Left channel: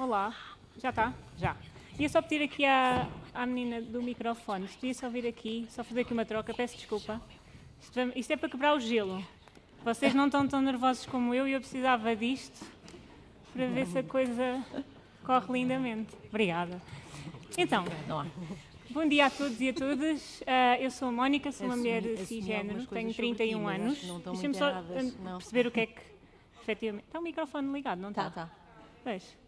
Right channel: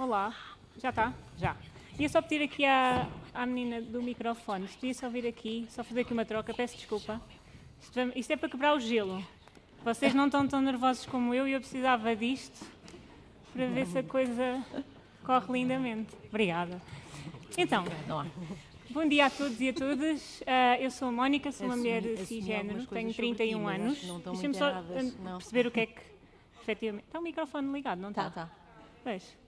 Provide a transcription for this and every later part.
Olá. Já está? Já. Ia só pedir aqui à menina do microfone, se podia só vir aqui, só fazer aqui uma troca, peço desculpa. Isto é para quebrar o gelo. Vocês não estão tão nervosos como eu e eu precisava disto para ver se a coisa corre lindamente. Obrigada. Então, bom dia a todos e a todas. Eu sou a Mónica, sou uma mulher cisgénero, tenho 31 anos. Deixa-me só perceber o que é que efetivamente... Está o microfone ligado, não está? Está. Pois.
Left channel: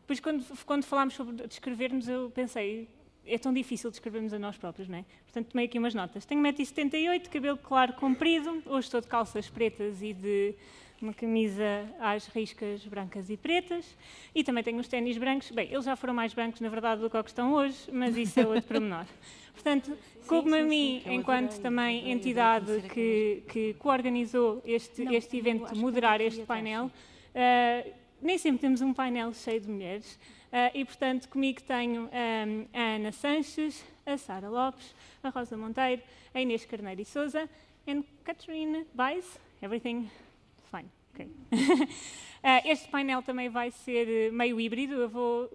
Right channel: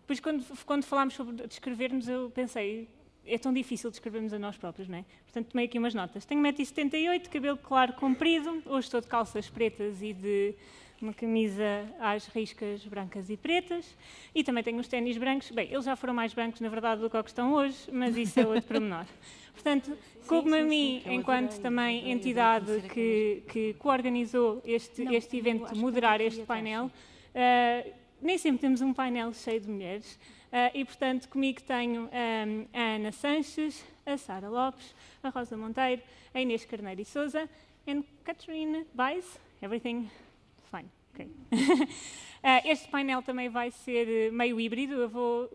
Depois, quando falámos sobre descrevermos, eu pensei, é tão difícil descrevermos a nós próprios, não é? Portanto, tomei aqui umas notas. Tenho 1,78 m, cabelo claro comprido, hoje estou de calças pretas e de uma camisa às riscas brancas e pretas, e também tenho os ténis brancos. Bem, eles já foram mais brancos, na verdade, do que o que estão hoje, mas isso é outro pormenor. Portanto, coube-me a mim, enquanto também entidade que coorganizou este evento, moderar este painel. Nem sempre temos um painel cheio de mulheres e, portanto, comigo tenho a Ana Sanches, a Sara Lopes, a Rosa Monteiro, a Inês Carneiro e Souza e Catarina Weiss. Everything fine. Okay. Este painel também vai ser meio híbrido. Eu vou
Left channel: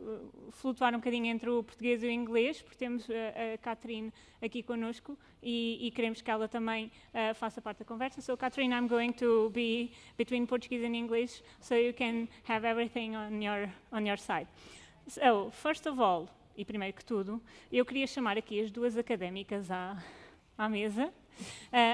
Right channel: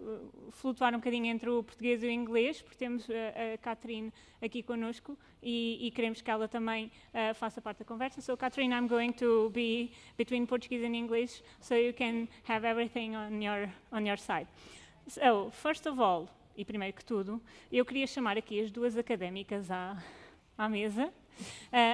flutuar um bocadinho entre o português e o inglês, porque temos a Catherine aqui connosco e queremos que ela também faça parte da conversa. So, Catherine, I'm going to be between Portuguese and English, so you can have everything on your side. So, first of all, e primeiro que tudo, eu queria chamar aqui as duas académicas à mesa,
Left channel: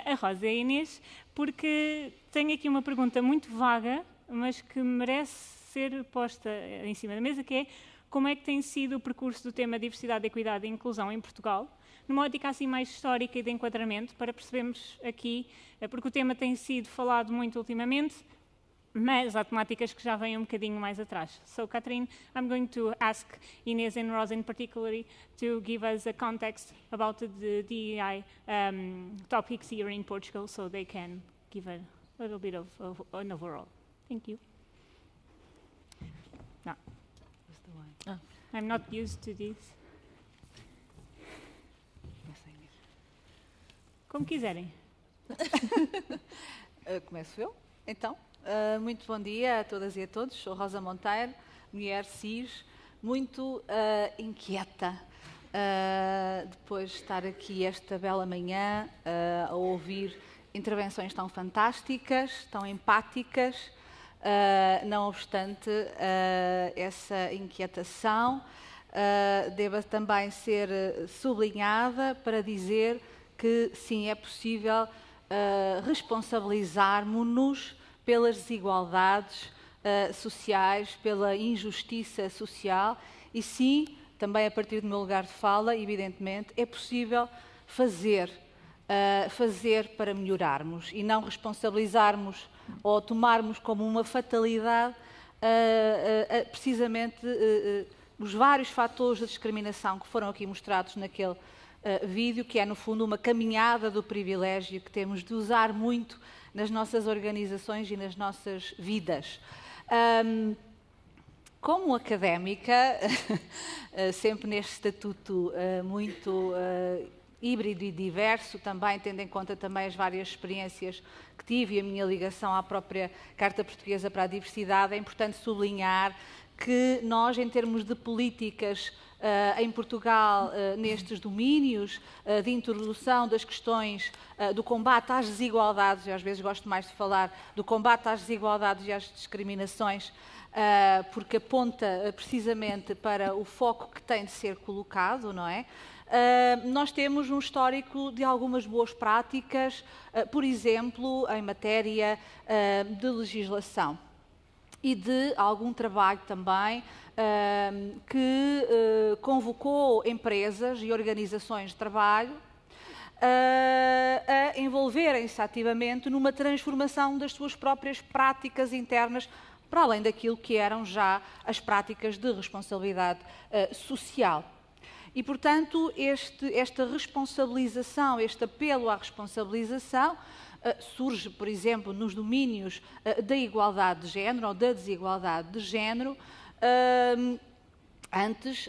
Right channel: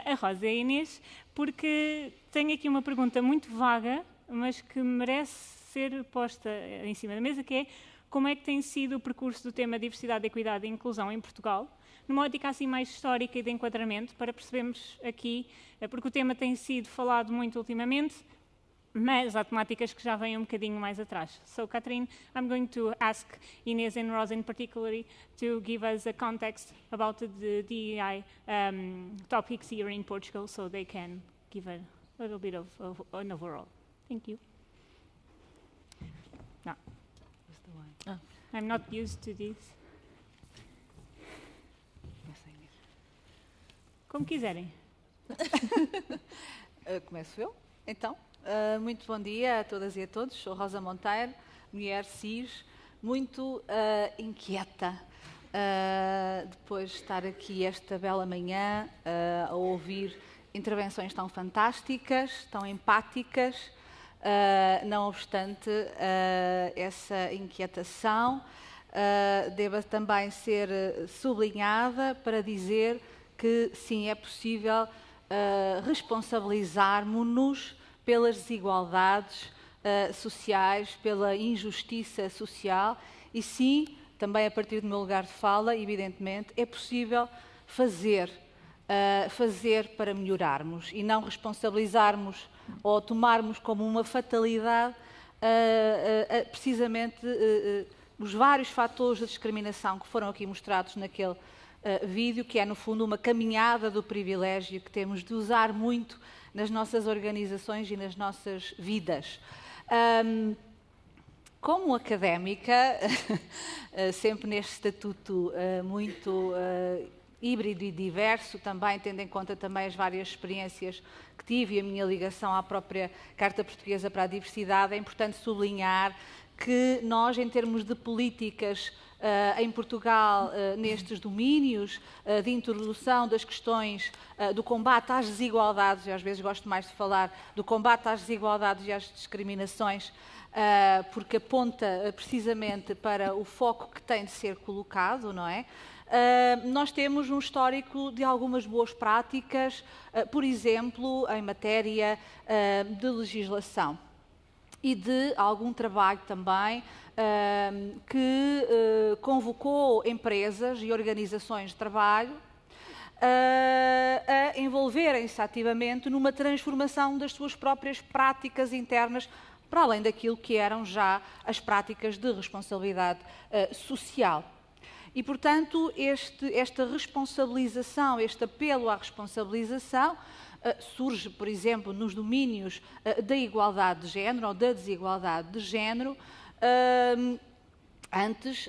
a Rosa e a Inês, porque tenho aqui uma pergunta muito vaga, mas que merece ser posta em cima da mesa, que é como é que tem sido o percurso do tema diversidade, equidade e inclusão em Portugal, numa ótica assim mais histórica e de enquadramento, para percebermos aqui, porque o tema tem sido falado muito ultimamente, mas há temáticas que já vêm um bocadinho mais atrás. So, Catherine, I'm going to ask Inês and Rosa in particular to give us a context about the DEI topics here in Portugal, so they can give a little bit of an overall. Thank you. No. I'm not used to this. Como quiserem. Começo eu, então. Muito bom dia a todas e a todos. Sou Rosa Monteiro, mulher cis, muito inquieta depois de estar aqui esta bela manhã a ouvir intervenções tão fantásticas, tão empáticas. Não obstante essa inquietação, deva também ser sublinhada para dizer que sim, é possível responsabilizarmos-nos pelas desigualdades sociais, pela injustiça social e sim, também a partir do meu lugar de fala, evidentemente, é possível fazer para melhorarmos e não responsabilizarmos ou tomarmos como uma fatalidade precisamente os vários fatores de discriminação que foram aqui mostrados naquele vídeo, que é no fundo uma caminhada do privilégio que temos de usar muito nas nossas organizações e nas nossas vidas. Como académica, sempre neste estatuto muito híbrido e diverso, também tendo em conta também as várias experiências que tive e a minha ligação à própria Carta Portuguesa para a Diversidade, é importante sublinhar que nós, em termos de políticas em Portugal, nestes domínios de introdução das questões do combate às desigualdades, eu às vezes gosto mais de falar do combate às desigualdades e às discriminações, porque aponta precisamente para o foco que tem de ser colocado, não é? Nós temos um histórico de algumas boas práticas, por exemplo, em matéria de legislação e de algum trabalho também que convocou empresas e organizações de trabalho a envolverem-se ativamente numa transformação das suas próprias práticas internas, para além daquilo que eram já as práticas de responsabilidade social. E, portanto, esta responsabilização, este apelo à responsabilização, surge, por exemplo, nos domínios da igualdade de género ou da desigualdade de género antes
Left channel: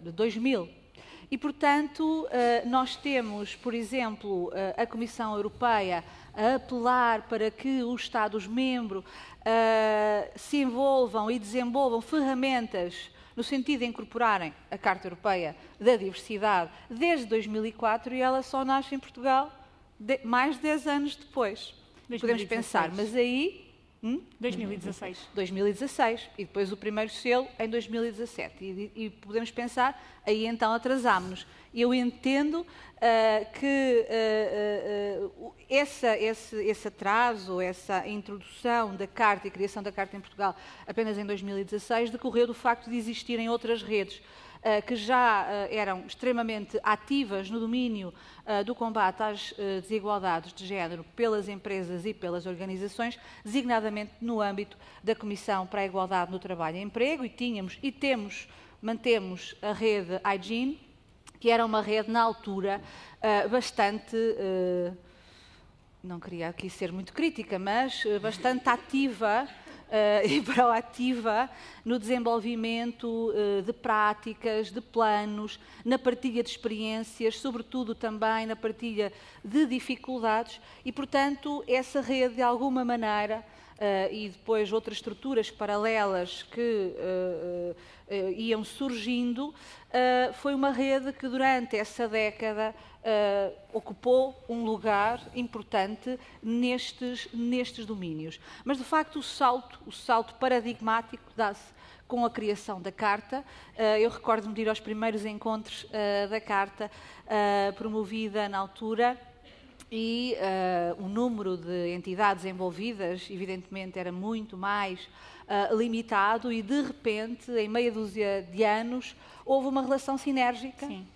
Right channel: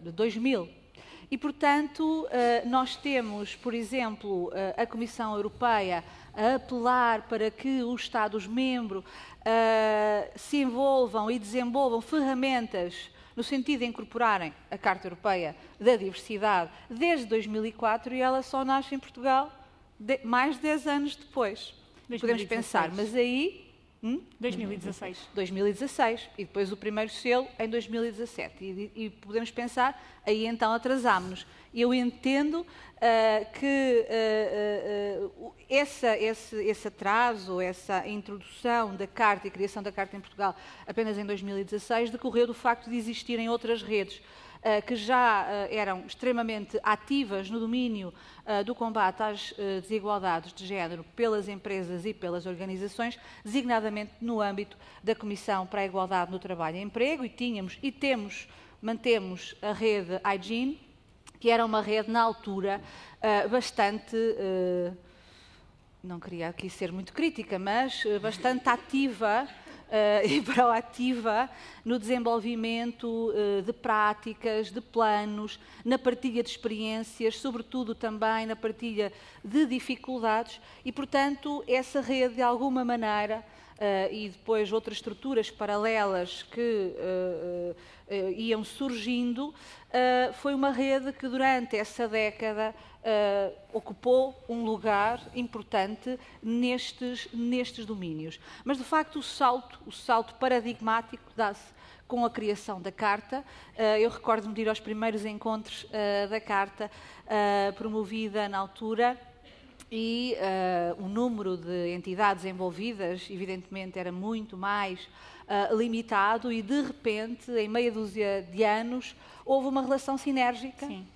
de 2000. E, portanto, nós temos, por exemplo, a Comissão Europeia a apelar para que os Estados-membros se envolvam e desenvolvam ferramentas no sentido de incorporarem a Carta Europeia da Diversidade desde 2004, e ela só nasce em Portugal mais de 10 anos depois. 2016. Podemos pensar, mas aí... 2016. 2016, e depois o primeiro selo em 2017. E podemos pensar, aí então atrasámos-nos. Eu entendo que esse atraso, essa introdução da Carta e criação da Carta em Portugal apenas em 2016, decorreu do facto de existirem outras redes que já eram extremamente ativas no domínio do combate às desigualdades de género pelas empresas e pelas organizações, designadamente no âmbito da Comissão para a Igualdade no Trabalho e Emprego, mantemos a rede Hygiene, que era uma rede na altura bastante, não queria aqui ser muito crítica, mas bastante ativa e proativa no desenvolvimento de práticas, de planos, na partilha de experiências, sobretudo também na partilha de dificuldades, e, portanto, essa rede, de alguma maneira, e depois outras estruturas paralelas que iam surgindo, foi uma rede que durante essa década ocupou um lugar importante nestes domínios. Mas, de facto, o salto paradigmático dá-se com a criação da Carta. Eu recordo-me de ir aos primeiros encontros da Carta, promovida na altura, e o número de entidades envolvidas, evidentemente, era muito mais limitado, e, de repente, em meia dúzia de anos, houve uma relação sinérgica. Sim.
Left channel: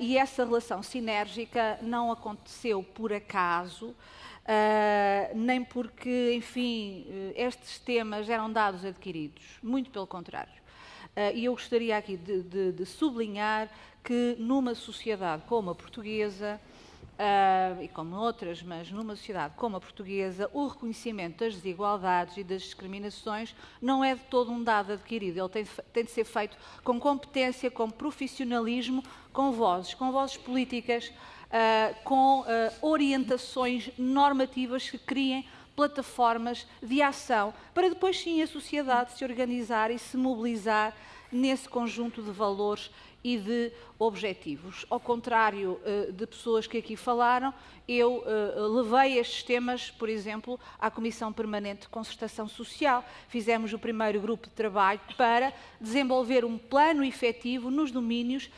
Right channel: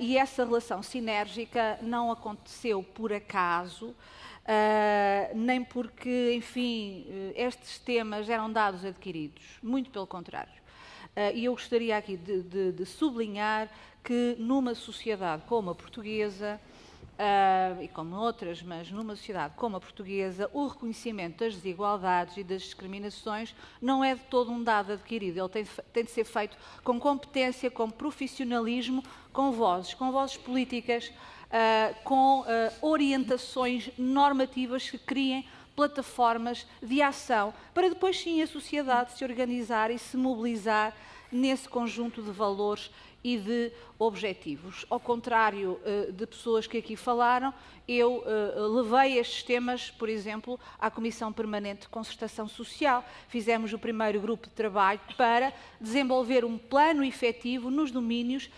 E essa relação sinérgica não aconteceu por acaso, nem porque, enfim, estes temas eram dados adquiridos, muito pelo contrário. E eu gostaria aqui de sublinhar que numa sociedade como a portuguesa, e como outras, mas numa sociedade como a portuguesa, o reconhecimento das desigualdades e das discriminações não é de todo um dado adquirido. Ele tem de ser feito com competência, com profissionalismo, com vozes políticas, com orientações normativas que criem plataformas de ação, para depois sim a sociedade se organizar e se mobilizar nesse conjunto de valores e de objetivos. Ao contrário de pessoas que aqui falaram, eu levei estes temas, por exemplo, à Comissão Permanente de Concertação Social. Fizemos o primeiro grupo de trabalho para desenvolver um plano efetivo nos domínios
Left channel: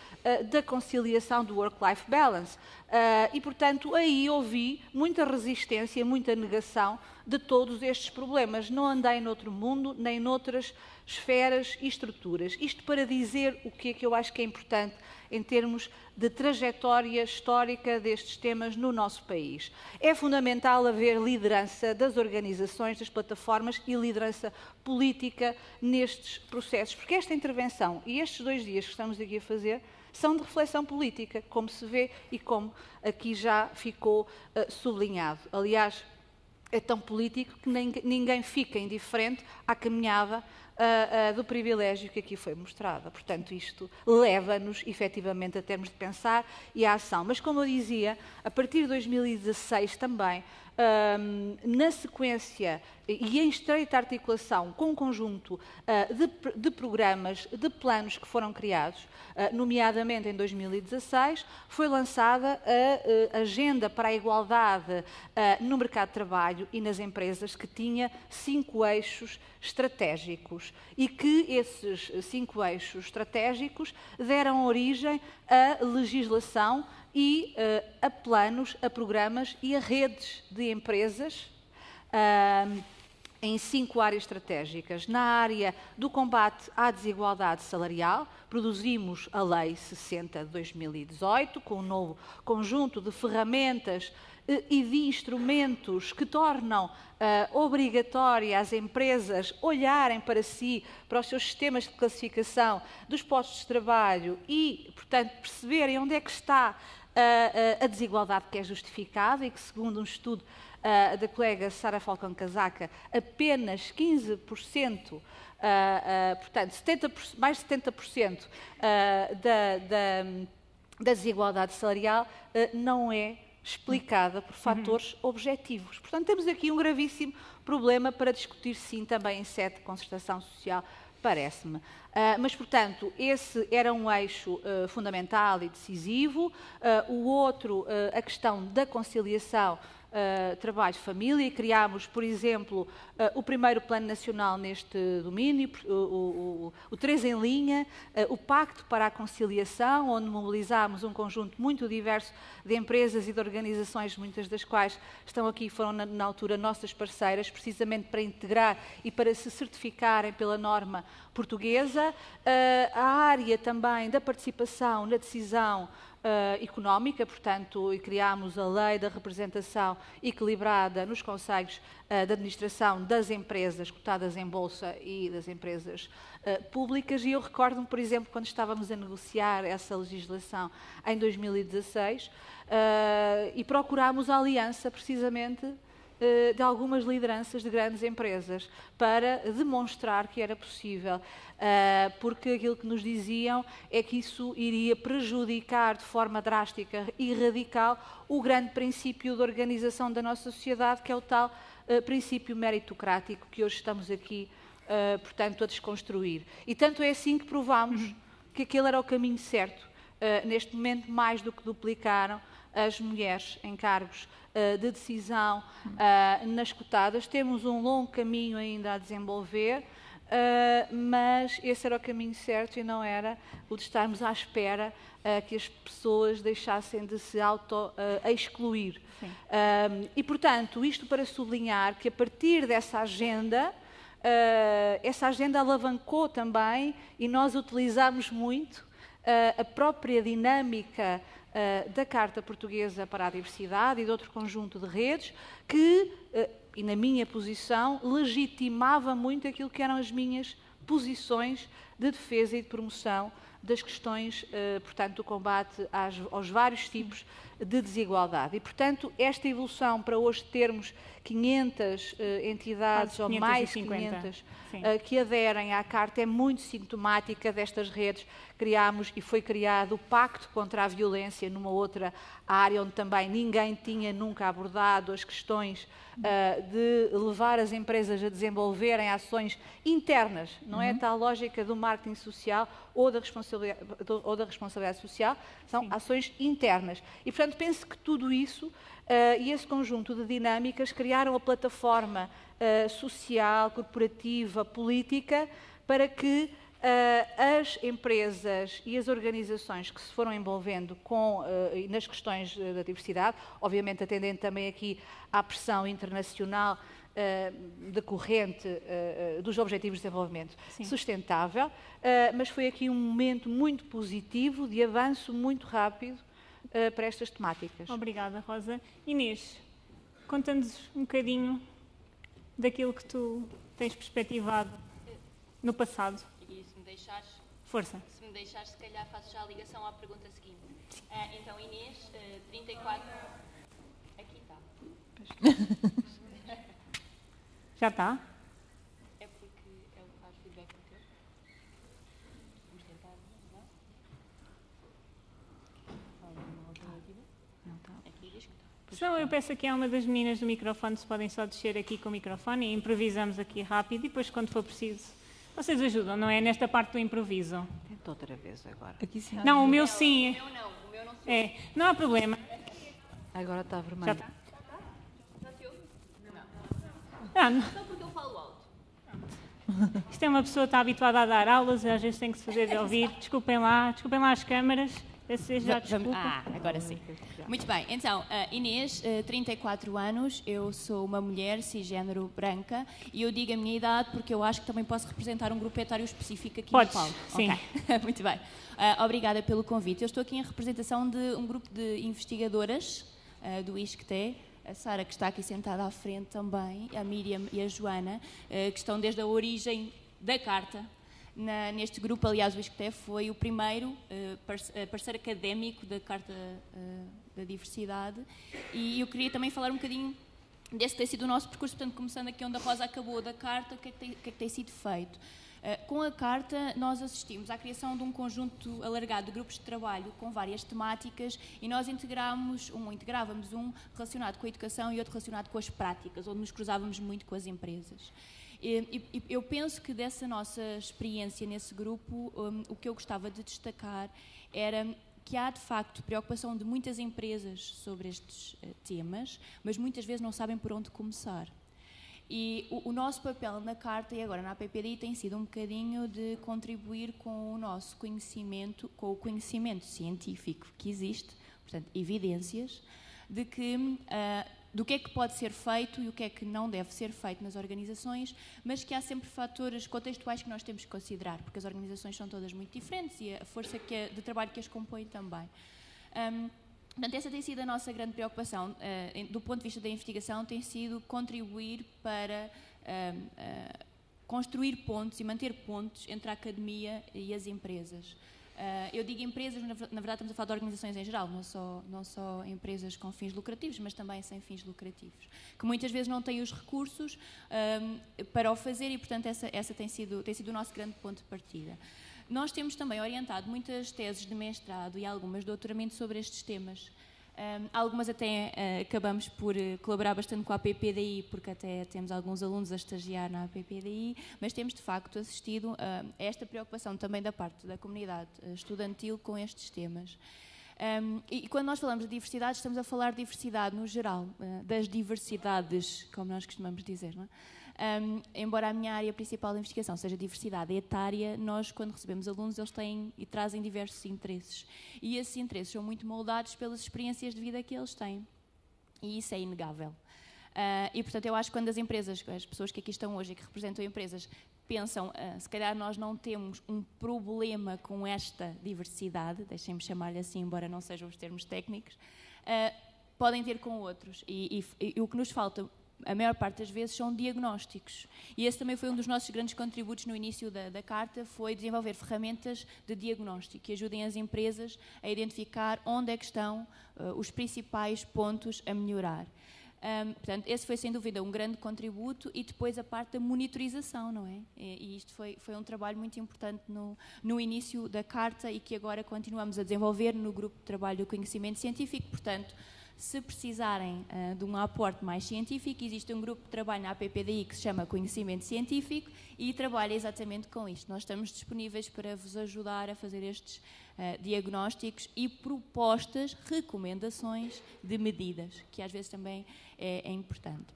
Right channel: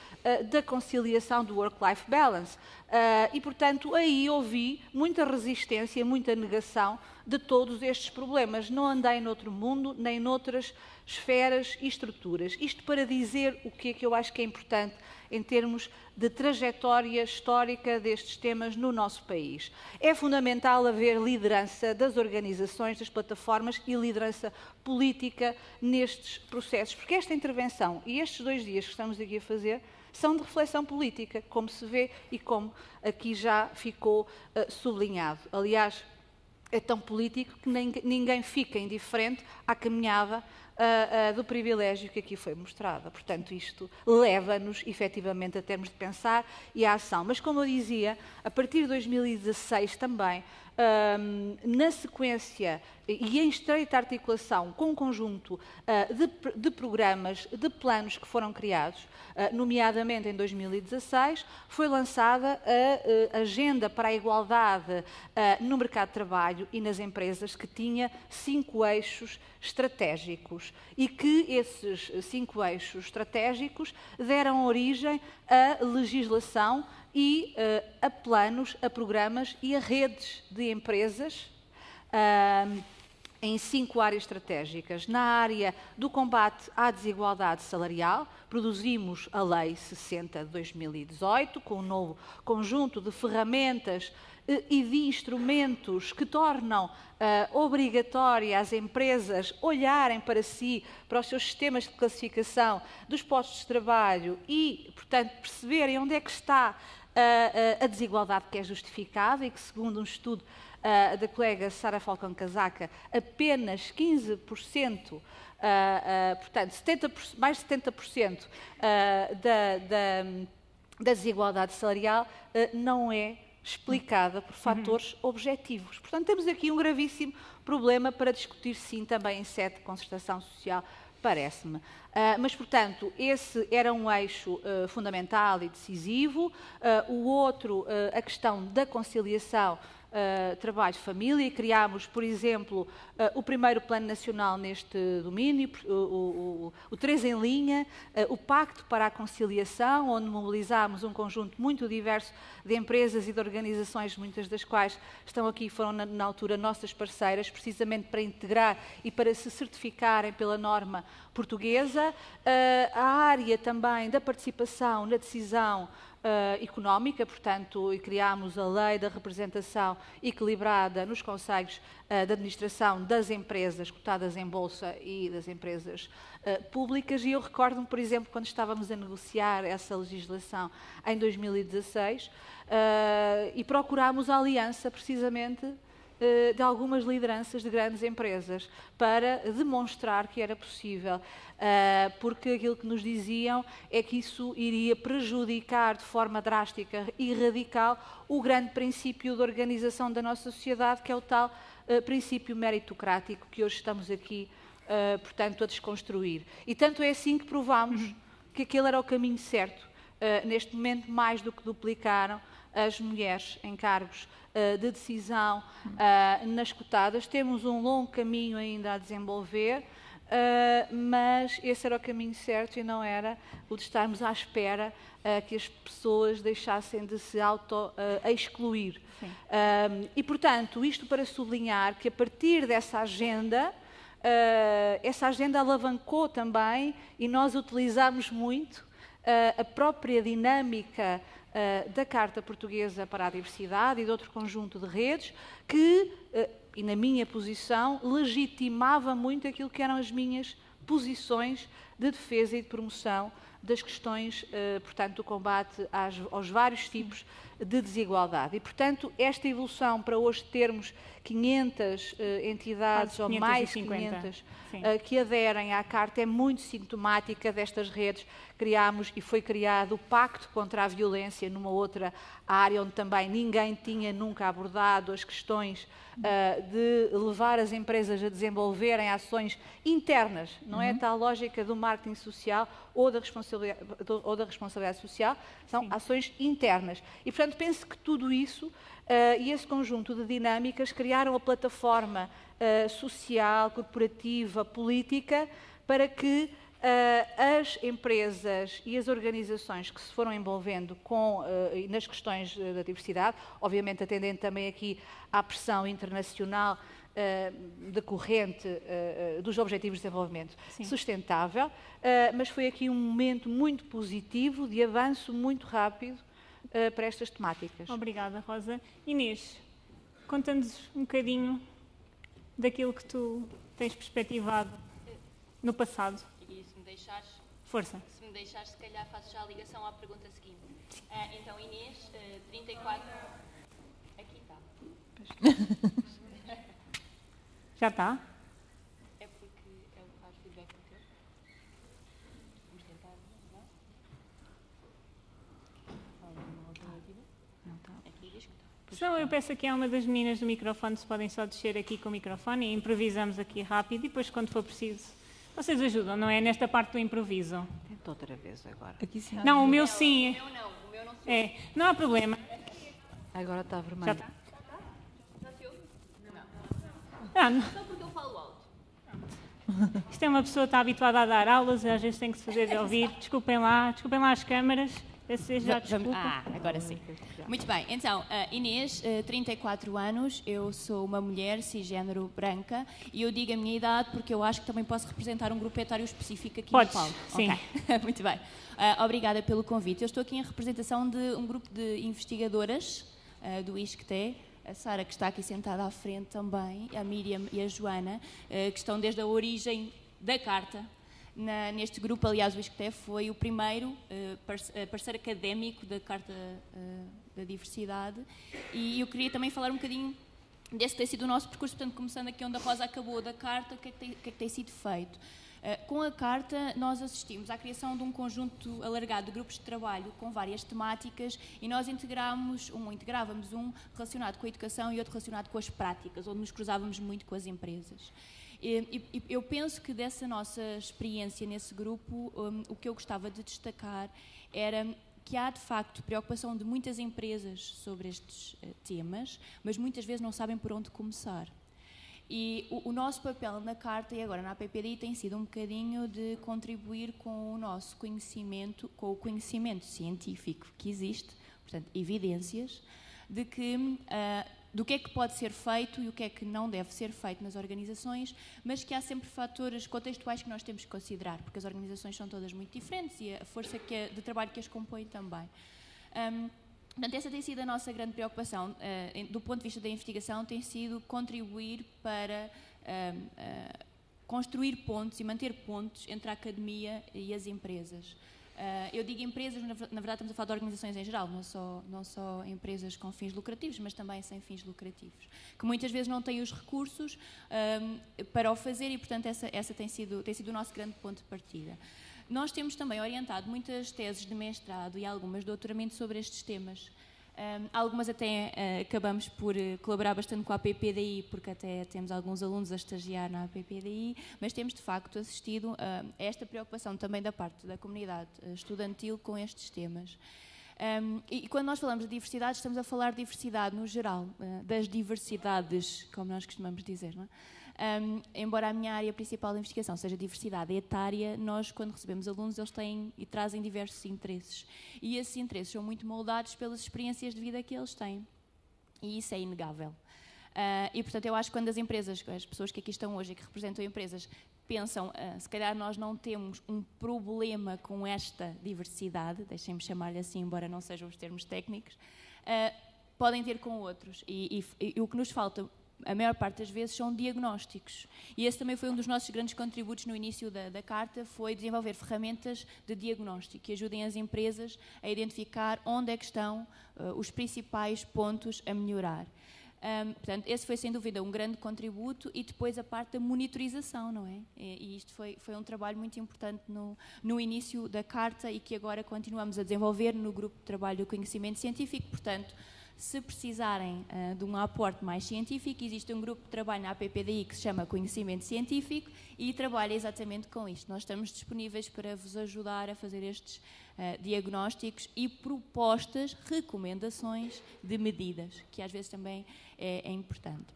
da conciliação do work-life balance. E, portanto, aí ouvi muita resistência, muita negação de todos estes problemas. Não andei noutro mundo, nem noutras esferas e estruturas. Isto para dizer o que é que eu acho que é importante em termos de trajetória histórica destes temas no nosso país. É fundamental haver liderança das organizações, das plataformas e liderança política nestes processos, porque esta intervenção e estes 2 dias que estamos aqui a fazer são de reflexão política, como se vê e como aqui já ficou sublinhado. Aliás, é tão político que ninguém fica indiferente à caminhada do privilégio que aqui foi mostrada. Portanto, isto leva-nos, efetivamente, a termos de pensar e a ação. Mas, como eu dizia, a partir de 2016 também, na sequência e em estreita articulação com um conjunto de programas, de planos que foram criados, nomeadamente em 2016, foi lançada a Agenda para a Igualdade no mercado de trabalho e nas empresas, que tinha 5 eixos estratégicos, e que esses 5 eixos estratégicos deram origem à legislação e a planos, a programas e a redes de empresas em 5 áreas estratégicas. Na área do combate à desigualdade salarial, produzimos a Lei 60 de 2018, com um novo conjunto de ferramentas e de instrumentos que tornam obrigatória as empresas olharem para si, para os seus sistemas de classificação dos postos de trabalho e, portanto, perceberem onde é que está a desigualdade que é justificada, e que, segundo um estudo da colega Sara Falcão Casaca, apenas 15%, portanto, mais de 70% da desigualdade salarial não é explicada por fatores objetivos. Portanto, temos aqui um gravíssimo problema para discutir, sim, também em sede de concertação social, parece-me. Mas, portanto, esse era um eixo fundamental e decisivo. O outro, a questão da conciliação trabalho-família, e criámos, por exemplo, o primeiro Plano Nacional neste domínio, o 3 em linha, o Pacto para a Conciliação, onde mobilizámos um conjunto muito diverso de empresas e de organizações, muitas das quais estão aqui, foram na altura nossas parceiras, precisamente para integrar e para se certificarem pela norma portuguesa. A área também da participação na decisão económica, portanto, e criámos a lei da representação equilibrada nos conselhos de administração das empresas cotadas em bolsa e das empresas públicas, e eu recordo-me, por exemplo, quando estávamos a negociar essa legislação em 2016, e procurámos a aliança, precisamente, de algumas lideranças de grandes empresas para demonstrar que era possível, porque aquilo que nos diziam é que isso iria prejudicar de forma drástica e radical o grande princípio de organização da nossa sociedade, que é o tal princípio meritocrático que hoje estamos aqui, portanto, a desconstruir. E tanto é assim que provámos que aquele era o caminho certo. Neste momento, mais do que duplicaram as mulheres em cargos de decisão nas cotadas. Temos um longo caminho ainda a desenvolver, mas esse era o caminho certo e não era o de estarmos à espera que as pessoas deixassem de se auto-excluir. E, portanto, isto para sublinhar que a partir dessa agenda, essa agenda alavancou também, e nós utilizámos muito a própria dinâmica da Carta Portuguesa para a Diversidade e de outro conjunto de redes que, e na minha posição, legitimava muito aquilo que eram as minhas posições de defesa e de promoção das questões, portanto, do combate aos vários tipos de desigualdade. E, portanto, esta evolução para hoje termos 500 entidades ou mais 500 que aderem à Carta é muito sintomática destas redes. Criámos e foi criado o Pacto contra a Violência numa outra área onde também ninguém tinha nunca abordado as questões de levar as empresas a desenvolverem ações internas, não é a tal lógica do marketing social ou da responsabilidade social, são ações internas. E, portanto, penso que tudo isso e esse conjunto de dinâmicas criaram a plataforma social, corporativa, política, para que as empresas e as organizações que se foram envolvendo nas questões da diversidade, obviamente atendendo também aqui à pressão internacional decorrente dos Objetivos de Desenvolvimento Sustentável, mas foi aqui um momento muito positivo, de avanço muito rápido para estas temáticas. Obrigada, Rosa. Inês, conta-nos um bocadinho daquilo que tu tens perspectivado no passado. E se me deixares... Força. Se me deixares, se calhar faço já a ligação à pergunta seguinte. Então, Inês, 34... Aqui está. Já está? É porque ele faz feedback no teu. Vamos tentar, não está? Aqui diz que está. Então, eu peço aqui a uma das meninas do microfone se podem só descer aqui com o microfone e improvisamos aqui rápido e depois, quando for preciso, vocês ajudam, não é? Nesta parte do improviso. Tenta outra vez agora. Aqui sim. Não, o meu sim. O meu não sei. É, não há problema. Agora está vermelho. Já está. Não se ouve? Ah, não. Só porque eu falo alto. Isto é uma pessoa que está habituada a dar aulas e às vezes tem que se fazer ouvir. Desculpem lá as câmaras. Já Agora sim. Muito bem, então, Inês, 34 anos, eu sou uma mulher cisgênero branca e eu digo a minha idade porque eu acho que também posso representar um grupo etário específico aqui Podes, no palco. sim. Okay. Muito bem. Obrigada pelo convite. Eu estou aqui em representação de um grupo de investigadoras do ISCTE, a Sara, que está aqui sentada à frente também, a Miriam e a Joana, que estão desde a origem da Carta. Neste grupo, aliás, o ISCTE foi o primeiro parceiro académico da Carta da Diversidade, e eu queria também falar um bocadinho desse ter sido o nosso percurso, portanto, começando aqui onde a Rosa acabou da Carta, o que é que tem sido feito. Com a Carta, nós assistimos à criação de um conjunto alargado de grupos de trabalho com várias temáticas e nós integrávamos um relacionado com a educação e outro relacionado com as práticas, onde nos cruzávamos muito com as empresas. Eu penso que dessa nossa experiência nesse grupo, o que eu gostava de destacar era que há, de facto, preocupação de muitas empresas sobre estes temas, mas muitas vezes não sabem por onde começar. E o nosso papel na Carta e agora na APPDI tem sido um bocadinho de contribuir com o nosso conhecimento, com o conhecimento científico que existe, portanto, evidências, de que, do que é que pode ser feito e o que é que não deve ser feito nas organizações, mas que há sempre fatores contextuais que nós temos que considerar, porque as organizações são todas muito diferentes e a força de trabalho que as compõe também. Portanto, essa tem sido a nossa grande preocupação, do ponto de vista da investigação, tem sido contribuir para construir pontos e manter pontos entre a academia e as empresas. Eu digo empresas, na verdade estamos a falar de organizações em geral, não só empresas com fins lucrativos, mas também sem fins lucrativos, que muitas vezes não têm os recursos para o fazer e, portanto, essa tem sido o nosso grande ponto de partida. Nós temos também orientado muitas teses de mestrado e algumas de doutoramento sobre estes temas. Algumas até acabamos por colaborar bastante com a APPDI, porque até temos alguns alunos a estagiar na APPDI, mas temos de facto assistido a esta preocupação também da parte da comunidade estudantil com estes temas. E quando nós falamos de diversidade, estamos a falar de diversidade no geral, das diversidades, como nós costumamos dizer, não é? Embora a minha área principal de investigação seja diversidade etária, nós, quando recebemos alunos, eles têm e trazem diversos interesses. E esses interesses são muito moldados pelas experiências de vida que eles têm. E isso é inegável. E, portanto, eu acho que quando as empresas, as pessoas que aqui estão hoje e que representam empresas, pensam, se calhar nós não temos um problema com esta diversidade, deixem-me chamar-lhe assim, embora não sejam os termos técnicos, podem ter com outros. E o que nos falta, a maior parte das vezes, são diagnósticos. E esse também foi um dos nossos grandes contributos no início da Carta, foi desenvolver ferramentas de diagnóstico que ajudem as empresas a identificar onde é que estão os principais pontos a melhorar. Portanto, esse foi sem dúvida um grande contributo e depois a parte da monitorização, não é? E isto foi um trabalho muito importante no início da Carta e que agora continuamos a desenvolver no grupo de trabalho do conhecimento científico. Portanto, se precisarem de um aporte mais científico, existe um grupo de trabalho na APPDI que se chama Conhecimento Científico e trabalha exatamente com isto. Nós estamos disponíveis para vos ajudar a fazer estes diagnósticos e propostas, recomendações de medidas, que às vezes também é importante.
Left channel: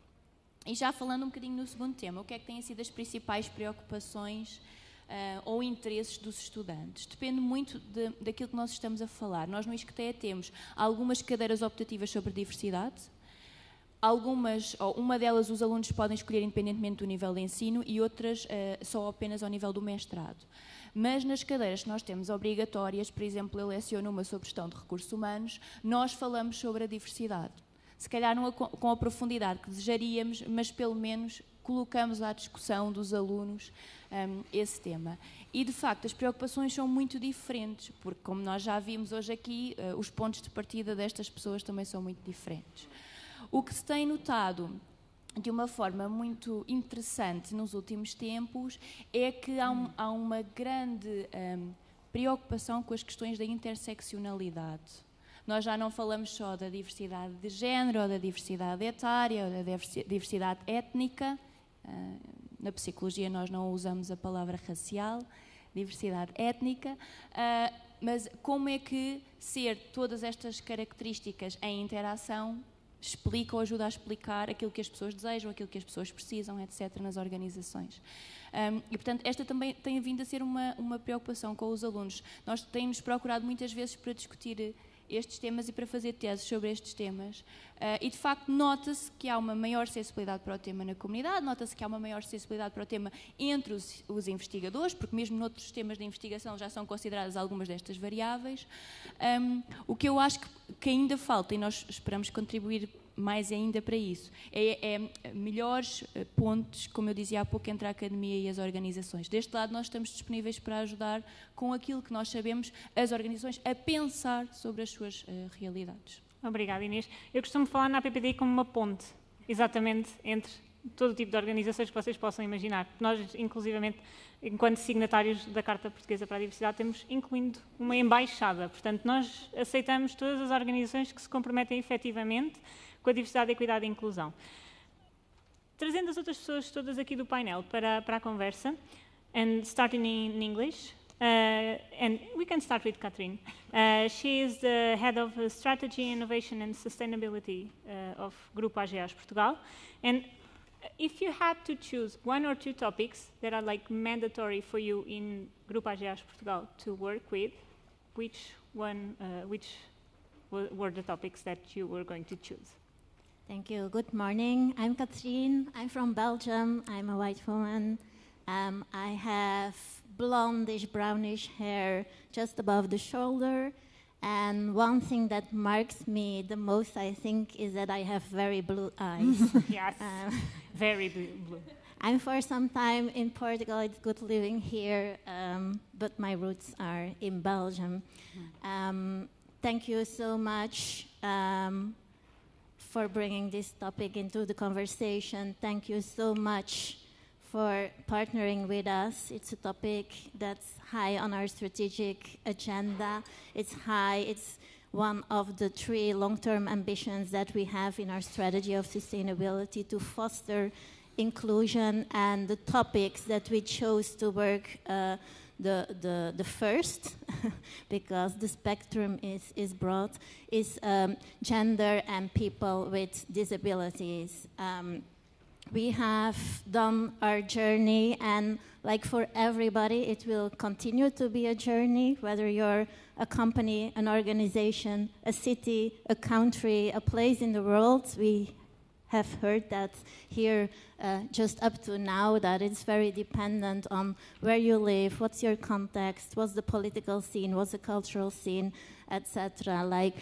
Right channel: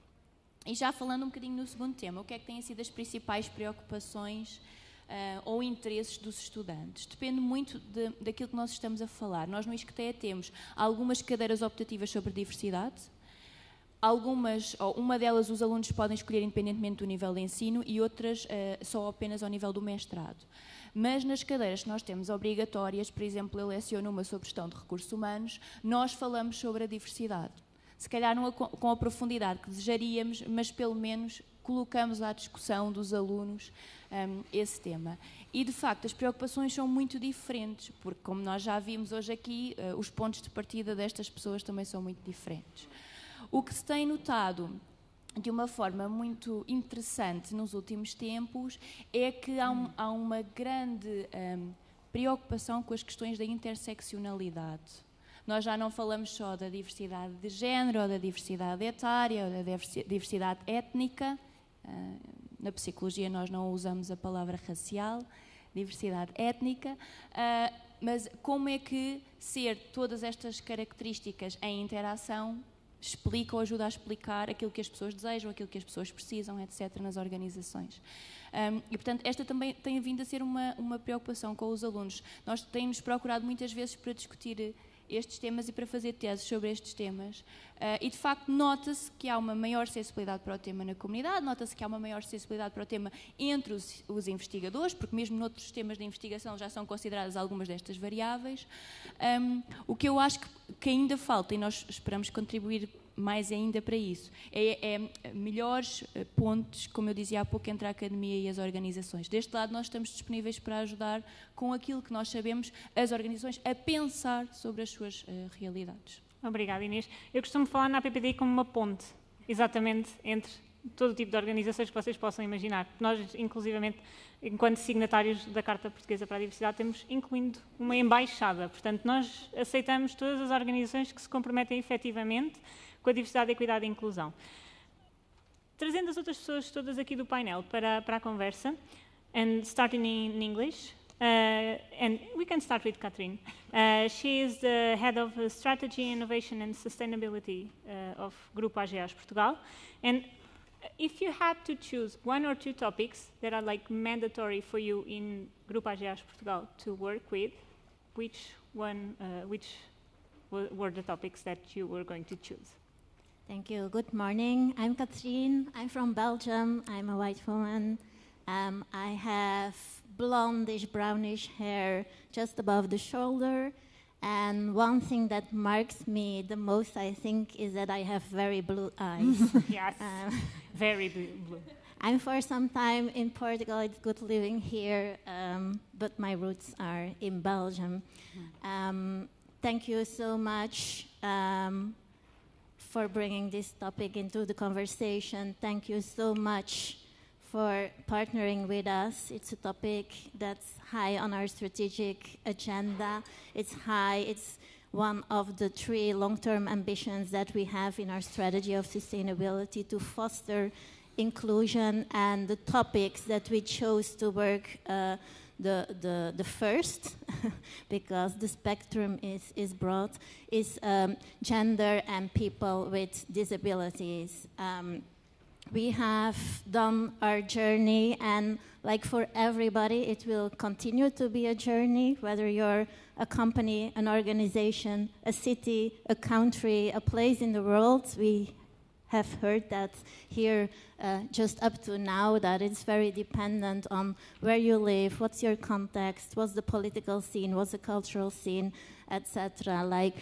E já falando um bocadinho no segundo tema, o que é que têm sido as principais preocupações ou interesses dos estudantes? Depende muito daquilo que nós estamos a falar. Nós no ISCTE temos algumas cadeiras optativas sobre diversidade, uma delas os alunos podem escolher independentemente do nível de ensino e outras só apenas ao nível do mestrado. Mas nas cadeiras que nós temos obrigatórias, por exemplo, eu leciono uma sobre gestão de recursos humanos, nós falamos sobre a diversidade. Se calhar não com a profundidade que desejaríamos, mas pelo menos colocamos à discussão dos alunos esse tema. E, de facto, as preocupações são muito diferentes, porque, como nós já vimos hoje aqui, os pontos de partida destas pessoas também são muito diferentes. O que se tem notado de uma forma muito interessante nos últimos tempos é que há uma grande preocupação com as questões da interseccionalidade. Nós já não falamos só da diversidade de género, ou da diversidade etária, ou da diversidade étnica. Na psicologia nós não usamos a palavra racial, diversidade étnica, mas como é que ser todas estas características em interação explica ou ajuda a explicar aquilo que as pessoas desejam, aquilo que as pessoas precisam, etc., nas organizações. E, portanto, esta também tem vindo a ser uma preocupação com os alunos. Nós temos procurado muitas vezes para discutir estes temas e para fazer teses sobre estes temas. E, de facto, nota-se que há uma maior sensibilidade para o tema na comunidade, nota-se que há uma maior sensibilidade para o tema entre os investigadores, porque mesmo noutros temas de investigação já são consideradas algumas destas variáveis. O que eu acho que ainda falta, e nós esperamos contribuir mais ainda para isso, é melhores pontes, como eu dizia há pouco, entre a academia e as organizações. Deste lado, nós estamos disponíveis para ajudar com aquilo que nós sabemos as organizações a pensar sobre as suas realidades. Obrigada, Inês. Eu costumo falar na APPDI como uma ponte, exatamente, entre todo o tipo de organizações que vocês possam imaginar. Nós, inclusivamente, enquanto signatários da Carta Portuguesa para a Diversidade, temos incluindo uma embaixada. Portanto, nós aceitamos todas as organizações que se comprometem efetivamente com a diversidade, equidade e inclusão. Trazendo as outras pessoas todas aqui do painel para a conversa, and starting in English, and we can start with Catherine. She is the Head of Strategy, Innovation and Sustainability of Grupo AGEAS Portugal. And if you had to choose one or two topics that are like mandatory for you in Grupo AGEAS Portugal to work with, which were the topics that you were going to choose? Thank you. Good morning. I'm Catherine. I'm from Belgium. I'm a white woman. I have blondish, brownish hair just above the shoulder. And one thing that marks me the most, I think, is that I have very blue eyes. Yes, very blue. I'm for some time in Portugal. It's good living here, but my roots are in Belgium. Thank you so much for bringing this topic into the conversation. Thank you so much for partnering with us. It's a topic that's high on our strategic agenda. It's one of the 3 long-term ambitions that we have in our strategy of sustainability to foster inclusion, and the topics that we chose to work the first, because the spectrum is broad, is gender and people with disabilities. We have done our journey, and like for everybody, it will continue to be a journey, whether you're a company, an organization, a city, a country, a place in the world. We have heard that here just up to now, that it's very dependent on where you live, what's your context, what's the political scene, what's the cultural scene, etc. Like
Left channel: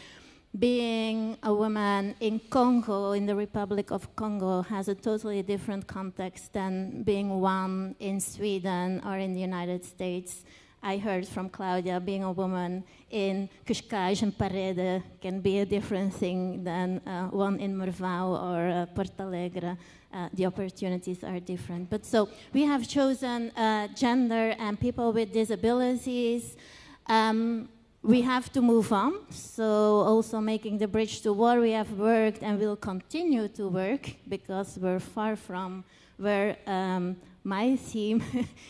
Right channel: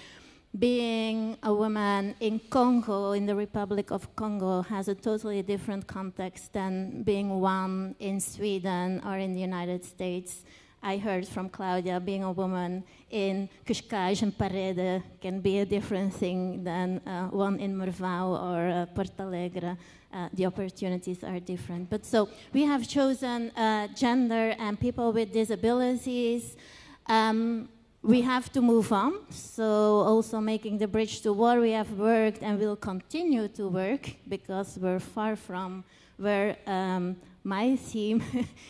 being a woman in Congo, in the Republic of Congo, has a totally different context than being one in Sweden or in the United States. I heard from Claudia, being a woman in Cascais and Parede can be a different thing than one in Mervão or Porto Alegre. The opportunities are different. But so we have chosen gender and people with disabilities. We have to move on, so also making the bridge to war, we have worked and will continue to work, because we're far from where my team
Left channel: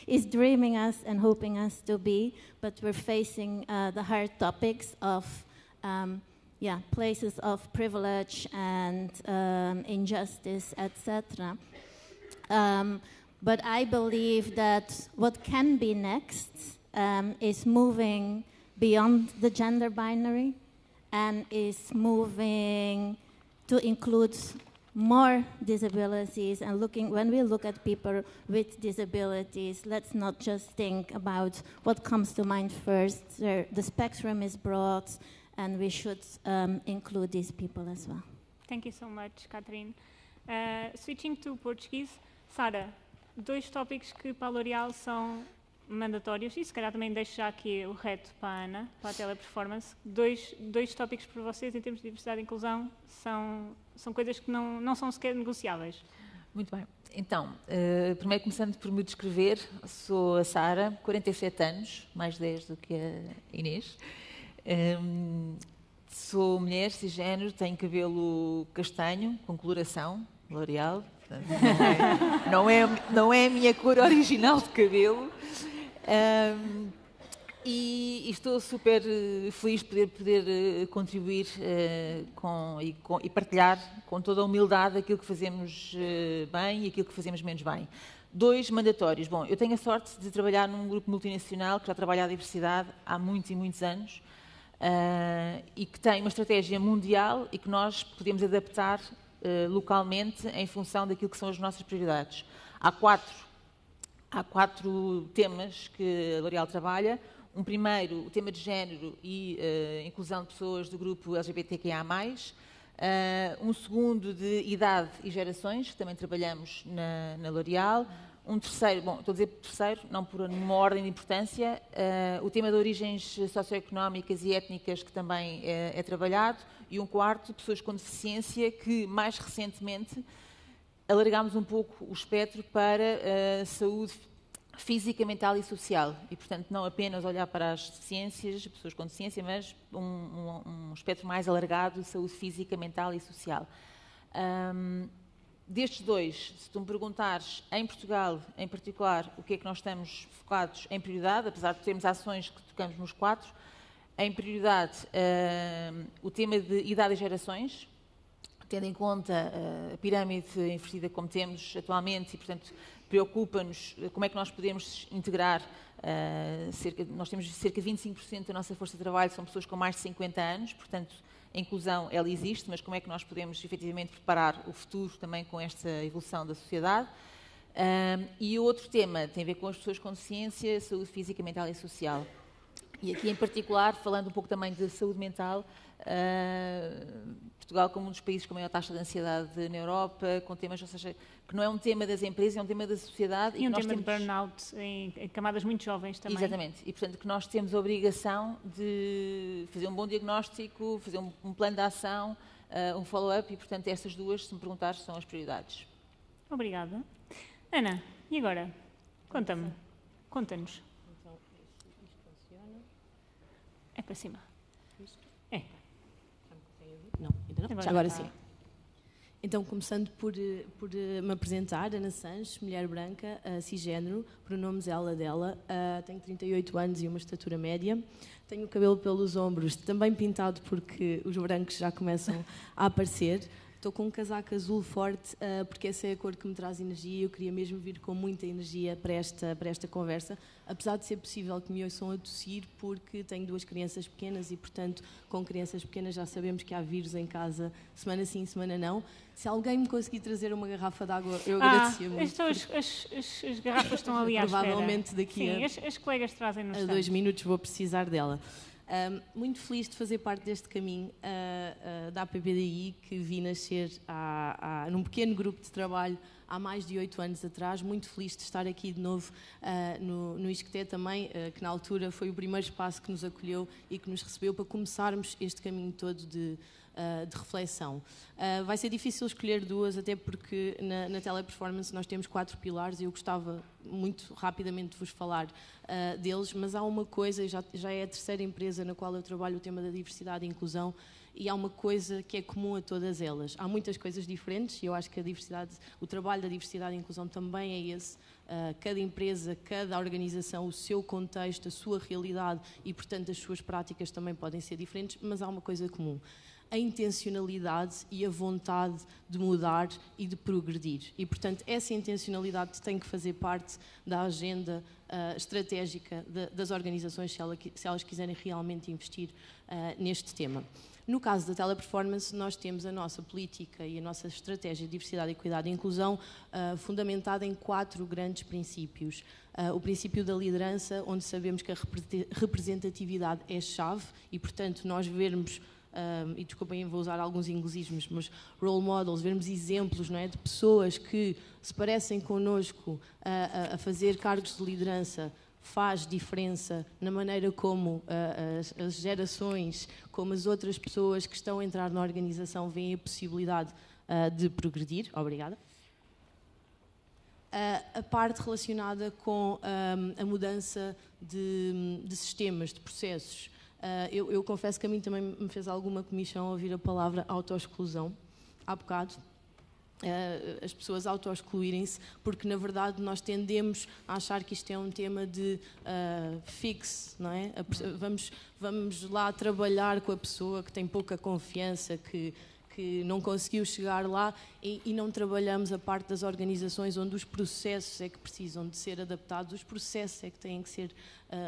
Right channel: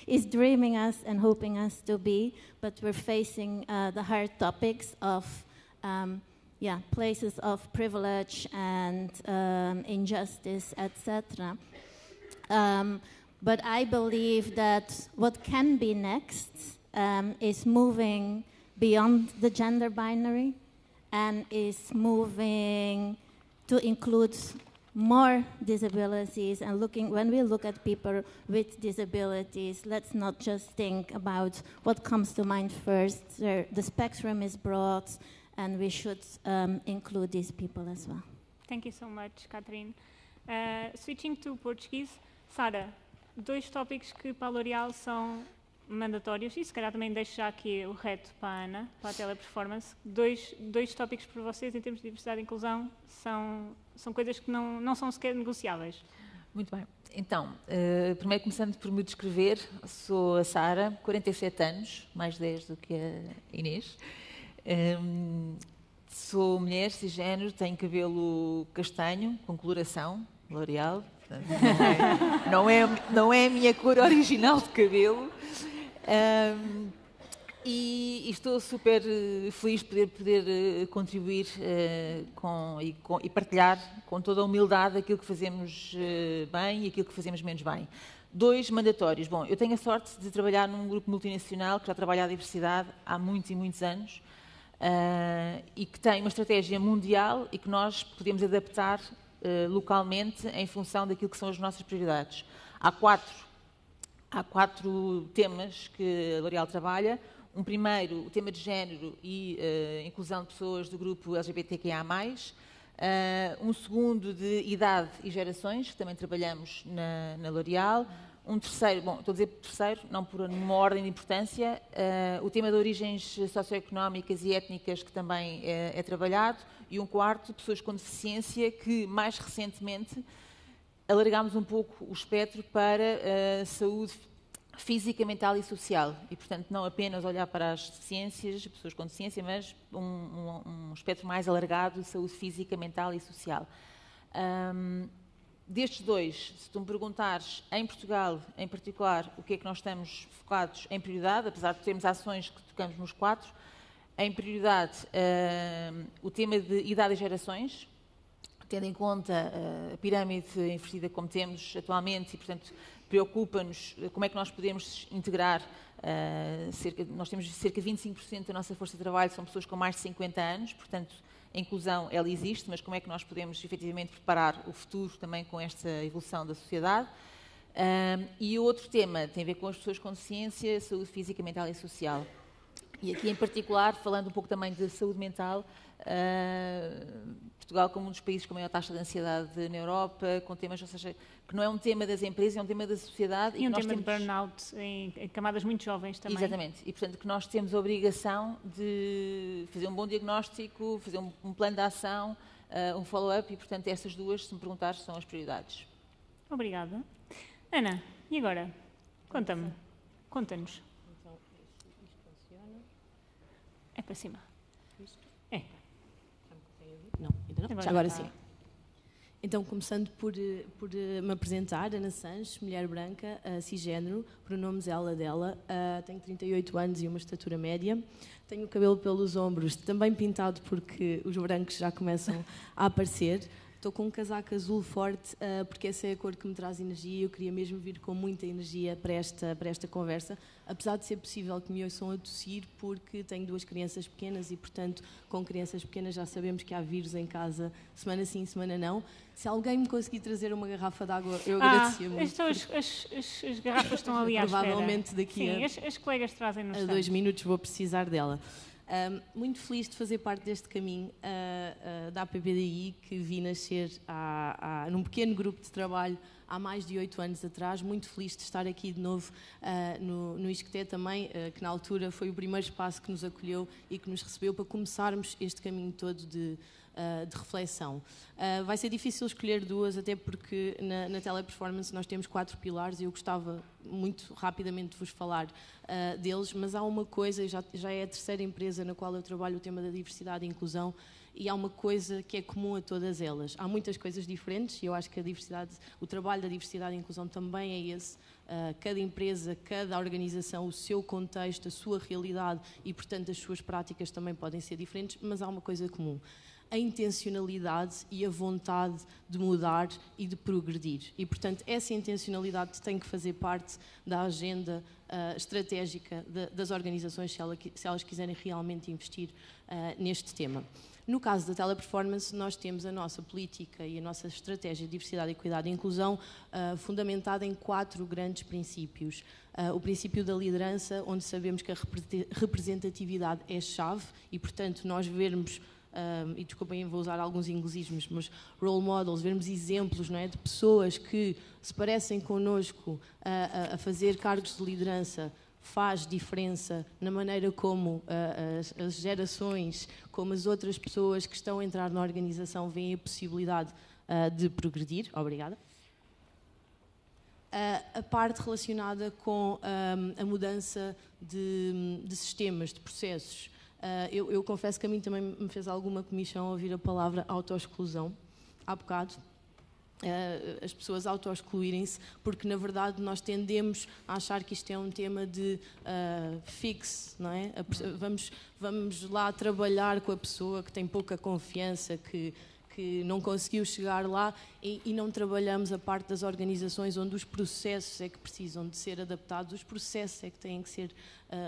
is dreaming us and hoping us to be, but we're facing the hard topics of places of privilege and injustice, etc. But I believe that what can be next is moving beyond the gender binary, and is moving to include more disabilities. And when we look at people with disabilities, let's not just think about what comes to mind first. The spectrum is broad, and we should include these people as well. Thank you so much, Catherine. Switching to Portuguese, Sara, 2 tópicos que para a L'Oréal são mandatórios, e se calhar também deixo já aqui o reto para a Ana, para a teleperformance. 2 tópicos para vocês em termos de diversidade e inclusão são coisas que não são sequer negociáveis. Muito bem. Então, primeiro começando por me descrever, sou a Sara, 47 anos, mais 10 do que a Inês. Sou mulher, cisgénero, tenho cabelo castanho, com coloração, L'Oréal. Não é a minha cor original de cabelo. E estou super feliz de poder contribuir e partilhar com toda a humildade aquilo que fazemos bem e aquilo que fazemos menos bem. 2 mandatórios. Bom, eu tenho a sorte de trabalhar num grupo multinacional que já trabalha a diversidade há muitos e muitos anos e que tem uma estratégia mundial e que nós podemos adaptar localmente em função daquilo que são as nossas prioridades. Há quatro temas que a L'Oréal trabalha. Um primeiro, o tema de género e inclusão de pessoas do grupo LGBTQIA+. Um segundo, de idade e gerações, que também trabalhamos na L'Oréal. Um terceiro, bom, estou a dizer terceiro, não por uma ordem de importância, o tema de origens socioeconómicas e étnicas, que também é trabalhado. E um quarto, pessoas com deficiência, que mais recentemente alargámos um pouco o espectro para a saúde física, mental e social. E, portanto, não apenas olhar para as deficiências, pessoas com deficiência, mas um espectro mais alargado de saúde física, mental e social. Destes dois, se tu me perguntares, em Portugal, em particular, o que é que nós estamos focados em prioridade, apesar de termos ações que tocamos nos 4, em prioridade o tema de idade e gerações, tendo em conta a pirâmide invertida como temos atualmente e, portanto, preocupa-nos como é que nós podemos integrar, nós temos cerca de 25% da nossa força de trabalho são pessoas com mais de 50 anos, portanto, a inclusão, ela existe, mas como é que nós podemos, efetivamente, preparar o futuro também com esta evolução da sociedade? E o outro tema tem a ver com as pessoas com deficiência, saúde física, mental e social. E aqui, em particular, falando um pouco também de saúde mental, Portugal como um dos países com maior taxa de ansiedade na Europa, com temas, ou seja, que não é um tema das empresas, é um tema da sociedade. E um tema de burnout em camadas muito jovens também. Exatamente. E, portanto, que nós temos a obrigação de fazer um bom diagnóstico, fazer um plano de ação, um follow-up e, portanto, essas duas, se me perguntares, são as prioridades. Obrigada. Ana, e agora? Conta-nos. Então, isto funciona. É para cima. Isto? É. Não, ainda não. Agora sim. Então, começando por me apresentar, Ana Sanches, mulher branca, cisgênero, pronomes ela, dela, tenho 38 anos e uma estatura média, tenho o cabelo pelos ombros, também pintado porque os brancos já começam a aparecer. Estou com um casaco azul forte porque essa é a cor que me traz energia e eu queria mesmo vir com muita energia para esta conversa, apesar de ser possível que me ouçam a tossir porque tenho 2 crianças pequenas e, portanto, com crianças pequenas já sabemos que há vírus em casa, semana sim, semana não. Se alguém me conseguir trazer uma garrafa de água, eu agradecia muito. As garrafas estão ali à espera. Provavelmente daqui as colegas trazem-nos a 2 minutos vou precisar dela. Muito feliz de fazer parte deste caminho da APPDI, que vi nascer num pequeno grupo de trabalho há mais de 8 anos atrás. Muito feliz de estar aqui de novo no ISCTE também, que na altura foi o primeiro espaço que nos acolheu e que nos recebeu para começarmos este caminho todo de reflexão. Vai ser difícil escolher 2, até porque na Teleperformance nós temos 4 pilares e eu gostava muito rapidamente de vos falar deles, mas há uma coisa, já é a 3ª empresa na qual eu trabalho o tema da diversidade e inclusão, e há uma coisa que é comum a todas elas. Há muitas coisas diferentes e eu acho que o trabalho da diversidade e inclusão também é esse. Cada empresa, cada organização, o seu contexto, a sua realidade e, portanto, as suas práticas também podem ser diferentes, mas há uma coisa comum: a intencionalidade e a vontade de mudar e de progredir. E, portanto, essa intencionalidade tem que fazer parte da agenda estratégica das organizações se elas quiserem realmente investir neste tema. No caso da Teleperformance, nós temos a nossa política e a nossa estratégia de diversidade, equidade e inclusão fundamentada em 4 grandes princípios. O princípio da liderança, onde sabemos que a representatividade é chave e, portanto, nós vermos, e desculpem, vou usar alguns inglesismos, mas role models, vermos exemplos, não é, de pessoas que se parecem connosco a fazer cargos de liderança, faz diferença na maneira como as gerações, como as outras pessoas que estão a entrar na organização veem a possibilidade de progredir. Obrigada. A parte relacionada com a mudança de sistemas, de processos. Eu confesso que a mim também me fez alguma comichão ouvir a palavra autoexclusão há bocado. As pessoas auto-excluírem-se, porque na verdade nós tendemos a achar que isto é um tema de fixe, não é? Vamos lá trabalhar com a pessoa que tem pouca confiança, que não conseguiu chegar lá e não trabalhamos a parte das organizações onde os processos é que precisam de ser adaptados, os processos é que têm que ser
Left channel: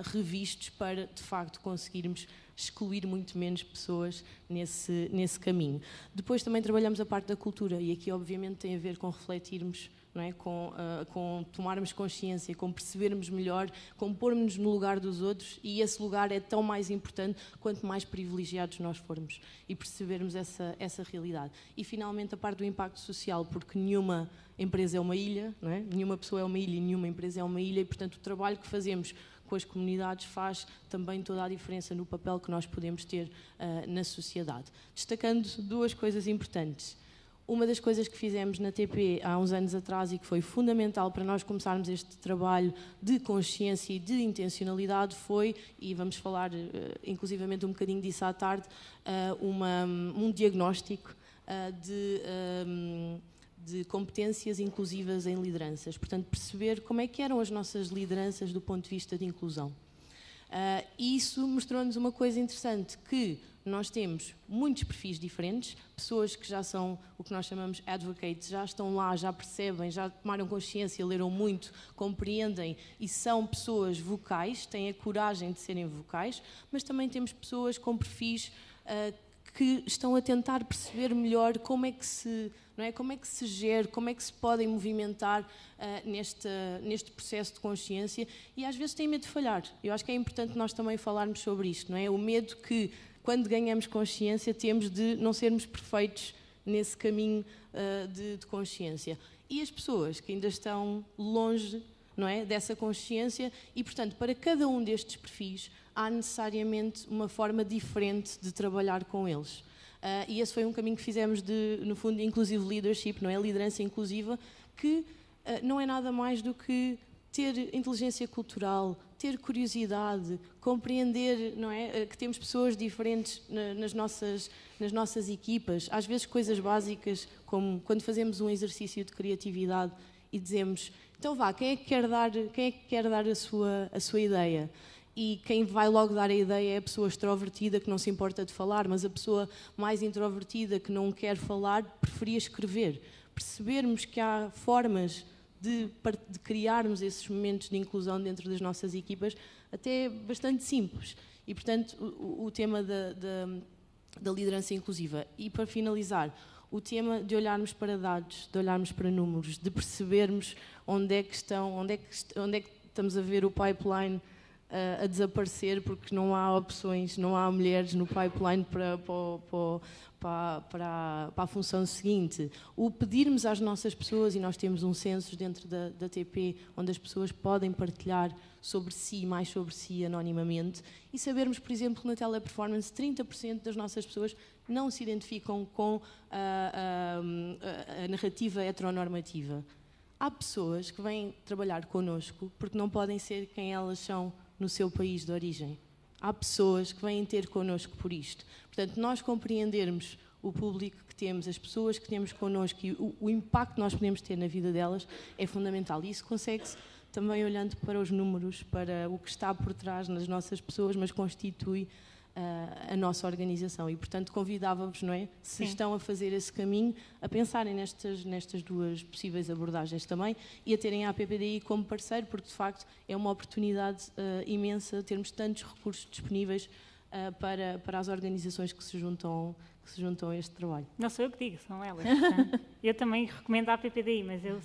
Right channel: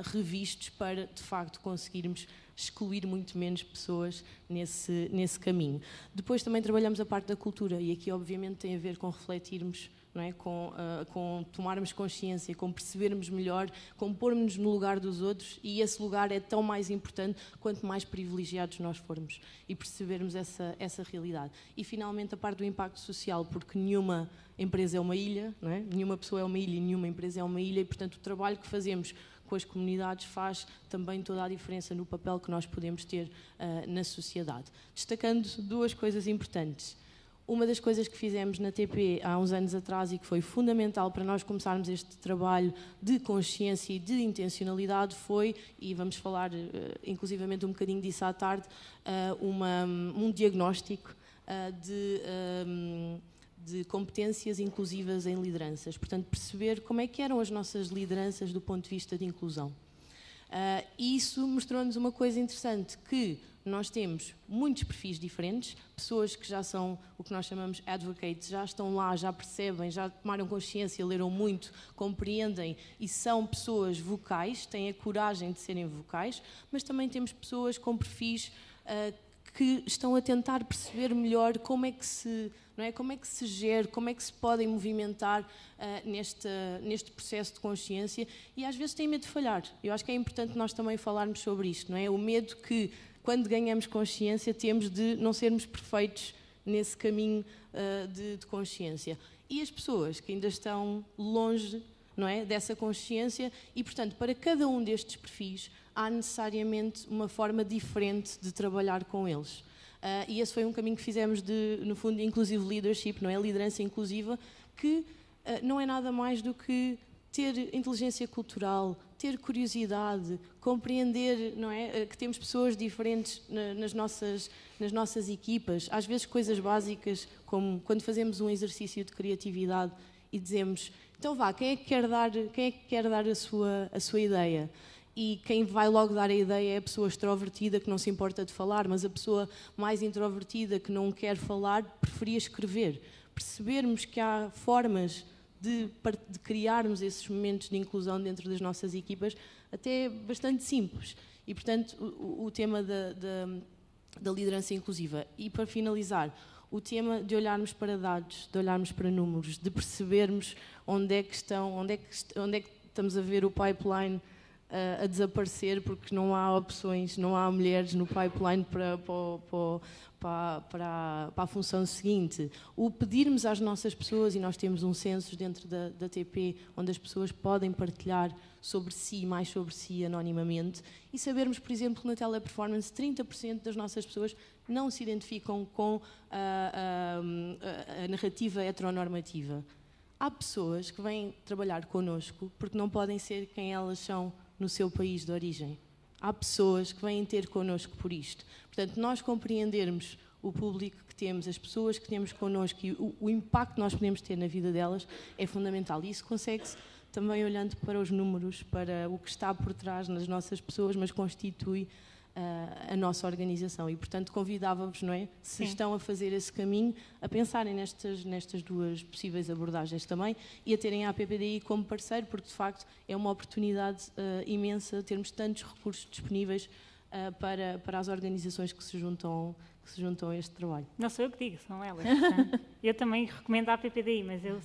revistos para de facto conseguirmos excluir muito menos pessoas nesse caminho. Depois também trabalhamos a parte da cultura e aqui obviamente tem a ver com refletirmos, não é? Com tomarmos consciência, com percebermos melhor, com pormos-nos no lugar dos outros, e esse lugar é tão mais importante quanto mais privilegiados nós formos e percebermos essa realidade. E finalmente a parte do impacto social, porque nenhuma empresa é uma ilha, não é? Nenhuma pessoa é uma ilha e nenhuma empresa é uma ilha, e portanto o trabalho que fazemos com as comunidades faz também toda a diferença no papel que nós podemos ter na sociedade. Destacando 2 coisas importantes. Uma das coisas que fizemos na TP há uns anos atrás e que foi fundamental para nós começarmos este trabalho de consciência e de intencionalidade foi, e vamos falar inclusivamente um bocadinho disso à tarde, um diagnóstico de competências inclusivas em lideranças. Portanto, perceber como é que eram as nossas lideranças do ponto de vista de inclusão. E isso mostrou-nos uma coisa interessante, que nós temos muitos perfis diferentes, pessoas que já são o que nós chamamos advocates, já estão lá, já percebem, já tomaram consciência, leram muito, compreendem e são pessoas vocais, têm a coragem de serem vocais, mas também temos pessoas com perfis que estão a tentar perceber melhor como é que se, não é? Como é que se gera, como é que se podem movimentar neste processo de consciência e às vezes têm medo de falhar. Eu acho que é importante nós também falarmos sobre isto, não é? O medo que, quando ganhamos consciência, temos de não sermos perfeitos nesse caminho de consciência. E as pessoas que ainda estão longe, não é, dessa consciência e, portanto, para cada um destes perfis há necessariamente uma forma diferente de trabalhar com eles. E esse foi um caminho que fizemos de, no fundo, inclusive leadership, não é? Liderança inclusiva, que não é nada mais do que ter inteligência cultural, ter curiosidade, compreender, não é, que temos pessoas diferentes nas nossas equipas, às vezes coisas básicas, como quando fazemos um exercício de criatividade e dizemos, então vá, quem é que quer dar a sua ideia? E quem vai logo dar a ideia é a pessoa extrovertida que não se importa de falar, mas a pessoa mais introvertida que não quer falar preferia escrever. Percebermos que há formas de criarmos esses momentos de inclusão dentro das nossas equipas, até bastante simples. E, portanto, o tema da liderança inclusiva. E, para finalizar, o tema de olharmos para dados, de olharmos para números, de percebermos onde é que estamos a ver o pipeline a desaparecer porque não há opções, não há mulheres no pipeline para a função seguinte. O pedirmos às nossas pessoas, e nós temos um censo dentro da TP, onde as pessoas podem partilhar mais sobre si anonimamente, e sabermos, por exemplo, na teleperformance, 30% das nossas pessoas não se identificam com a narrativa heteronormativa. Há pessoas que vêm trabalhar connosco porque não podem ser quem elas são no seu país de origem. Há pessoas que vêm ter connosco por isto. Portanto, nós compreendermos o público que temos, as pessoas que temos connosco e o impacto que nós podemos ter na vida delas é fundamental. E isso consegue-se também olhando para os números, para o que está por trás nas nossas pessoas, mas constitui a nossa organização. E, portanto, convidava-vos, não é? Se estão a fazer esse caminho, a pensarem nestas duas possíveis abordagens também e a terem a APPDI como parceiro, porque, de facto, é uma oportunidade imensa termos tantos recursos disponíveis para as organizações que se juntam a este trabalho. Não sou eu que digo, são elas. Eu também recomendo a APPDI, mas eu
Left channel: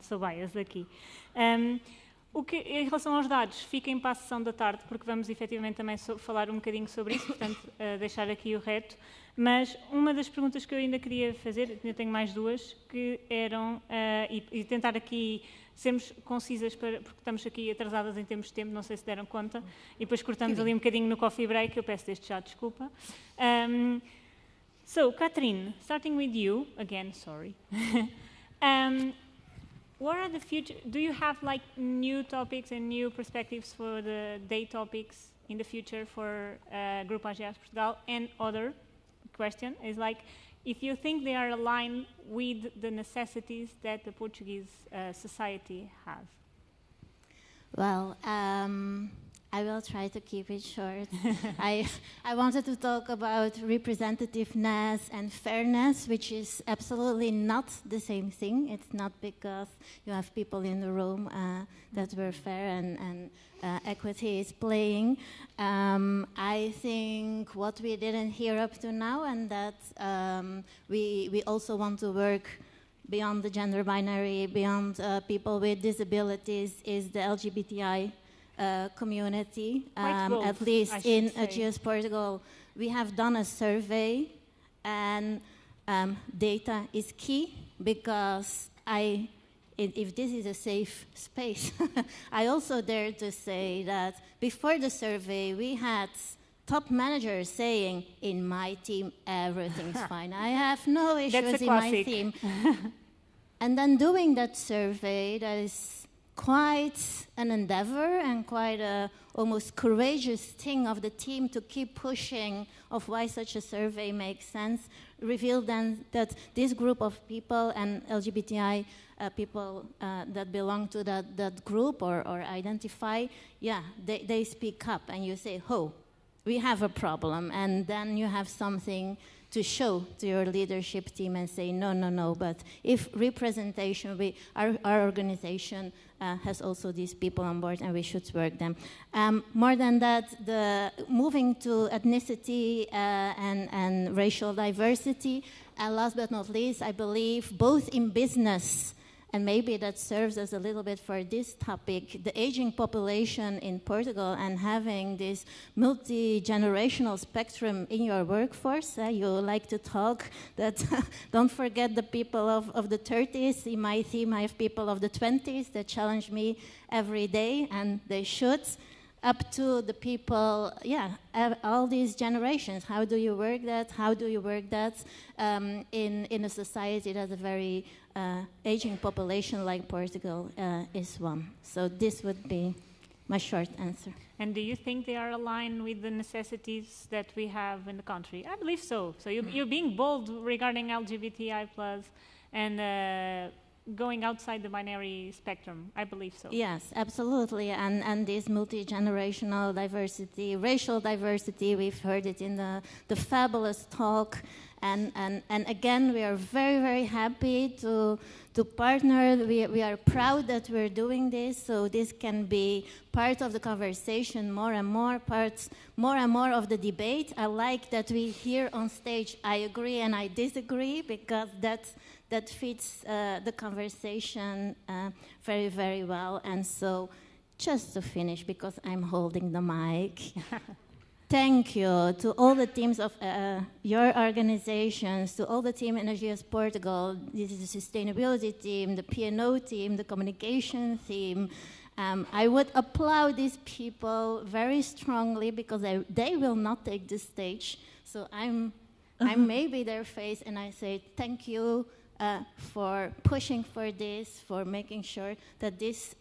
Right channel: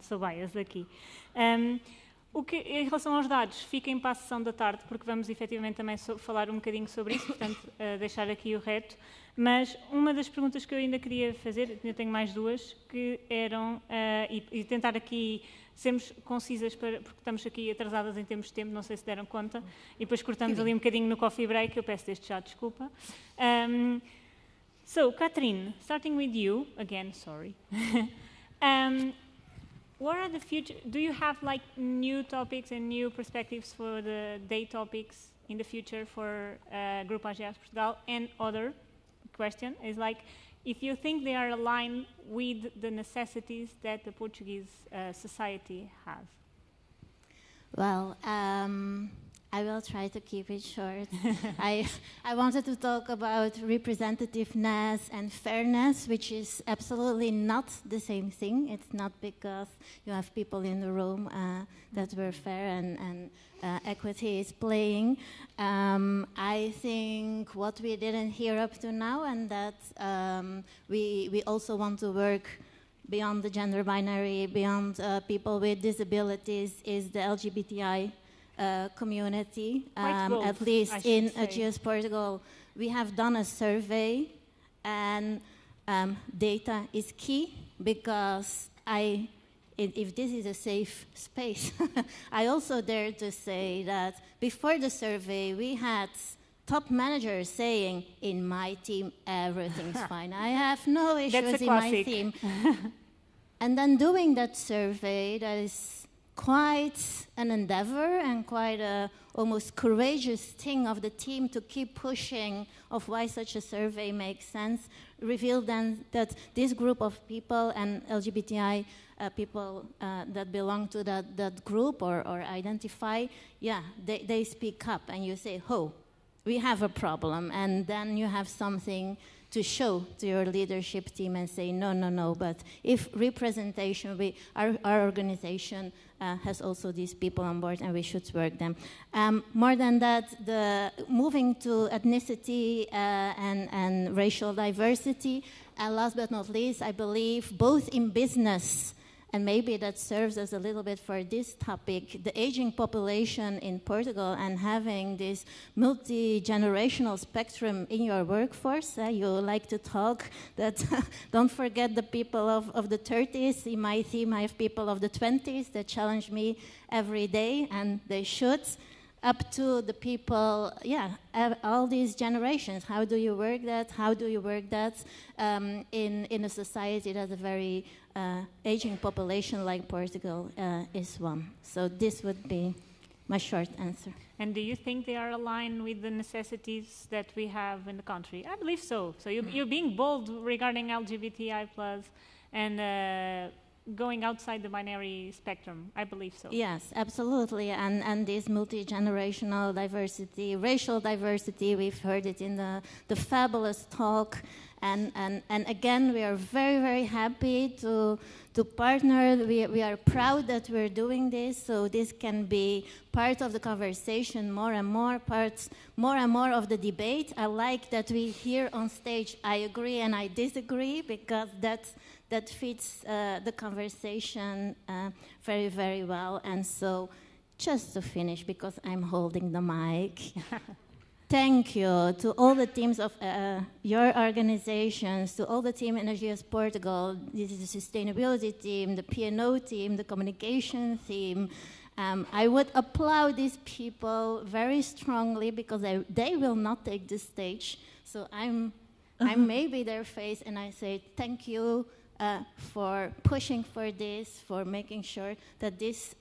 sou bias aqui. Em relação aos dados, fiquem para a sessão da tarde, porque vamos efetivamente também falar um bocadinho sobre isso, portanto, deixar aqui o reto. Mas uma das perguntas que eu ainda queria fazer, eu tenho mais duas, que eram, e tentar aqui sermos concisas, porque estamos aqui atrasadas em termos de tempo, não sei se deram conta, e depois cortamos ali um bocadinho no coffee break, eu peço desde já desculpa. So, Catherine, starting with you, again, sorry. What are the future? Do you have like new topics and new perspectives for the day topics in the future for Grupo AGEAS Portugal? And other question is like, if you think they are aligned with the necessities that the Portuguese society have. Well, I will try to keep it short. I wanted to talk about representativeness and fairness, which is absolutely not the same thing. It's not because you have people in the room that were fair and equity is playing. I think what we didn't hear up to now, and that we also want to work beyond the gender binary, beyond people with disabilities, is the LGBTI community. At least in AGEAS Portugal, we have done a survey, and data is key, because if this is a safe space, I also dare to say that before the survey, we had top managers saying, in my team, everything's fine. I have no issues in my team. And then doing that survey, that is quite an endeavor and quite a almost courageous thing of the team to keep pushing of why such a survey makes sense, revealed then that this group of people and LGBTI people that belong to that group or identify, they speak up and you say, oh, we have a problem, and then you have something to show to your leadership team and say, no, but if representation, our organization has also these people on board and we should work them. More than that, the moving to ethnicity and racial diversity, and last but not least, I believe both in business, and maybe that serves as a little bit for this topic, the aging population in Portugal and having this multi-generational spectrum in your workforce. You like to talk that don't forget the people of the 30s. In my team, I have people of the 20s that challenge me every day, and they should, up to the people, all these generations. How do you work that? How do you work that in a society that's a very aging population like Portugal is one? So this would be my short answer. And do you think they are aligned with the necessities that we have in the country? I believe so. So you're being bold regarding LGBTI+, and going outside the binary spectrum. I believe so. Yes, absolutely. And this multi-generational diversity, racial diversity, we've heard it in the fabulous talk. And again, we are very, very happy to partner. We are proud that we're doing this, so this can be part of the conversation, more and more of the debate. I like that we here on stage, I agree and I disagree, because that fits the conversation very, very well. And so just to finish, because I'm holding the mic, thank you to all the teams of your organizations, to all the team Energias Portugal. This is the sustainability team, the P&O team, the communication team. I would applaud these people very strongly, because they will not take the stage. So I'm maybe their face, and I say thank you for pushing for this, for making sure that this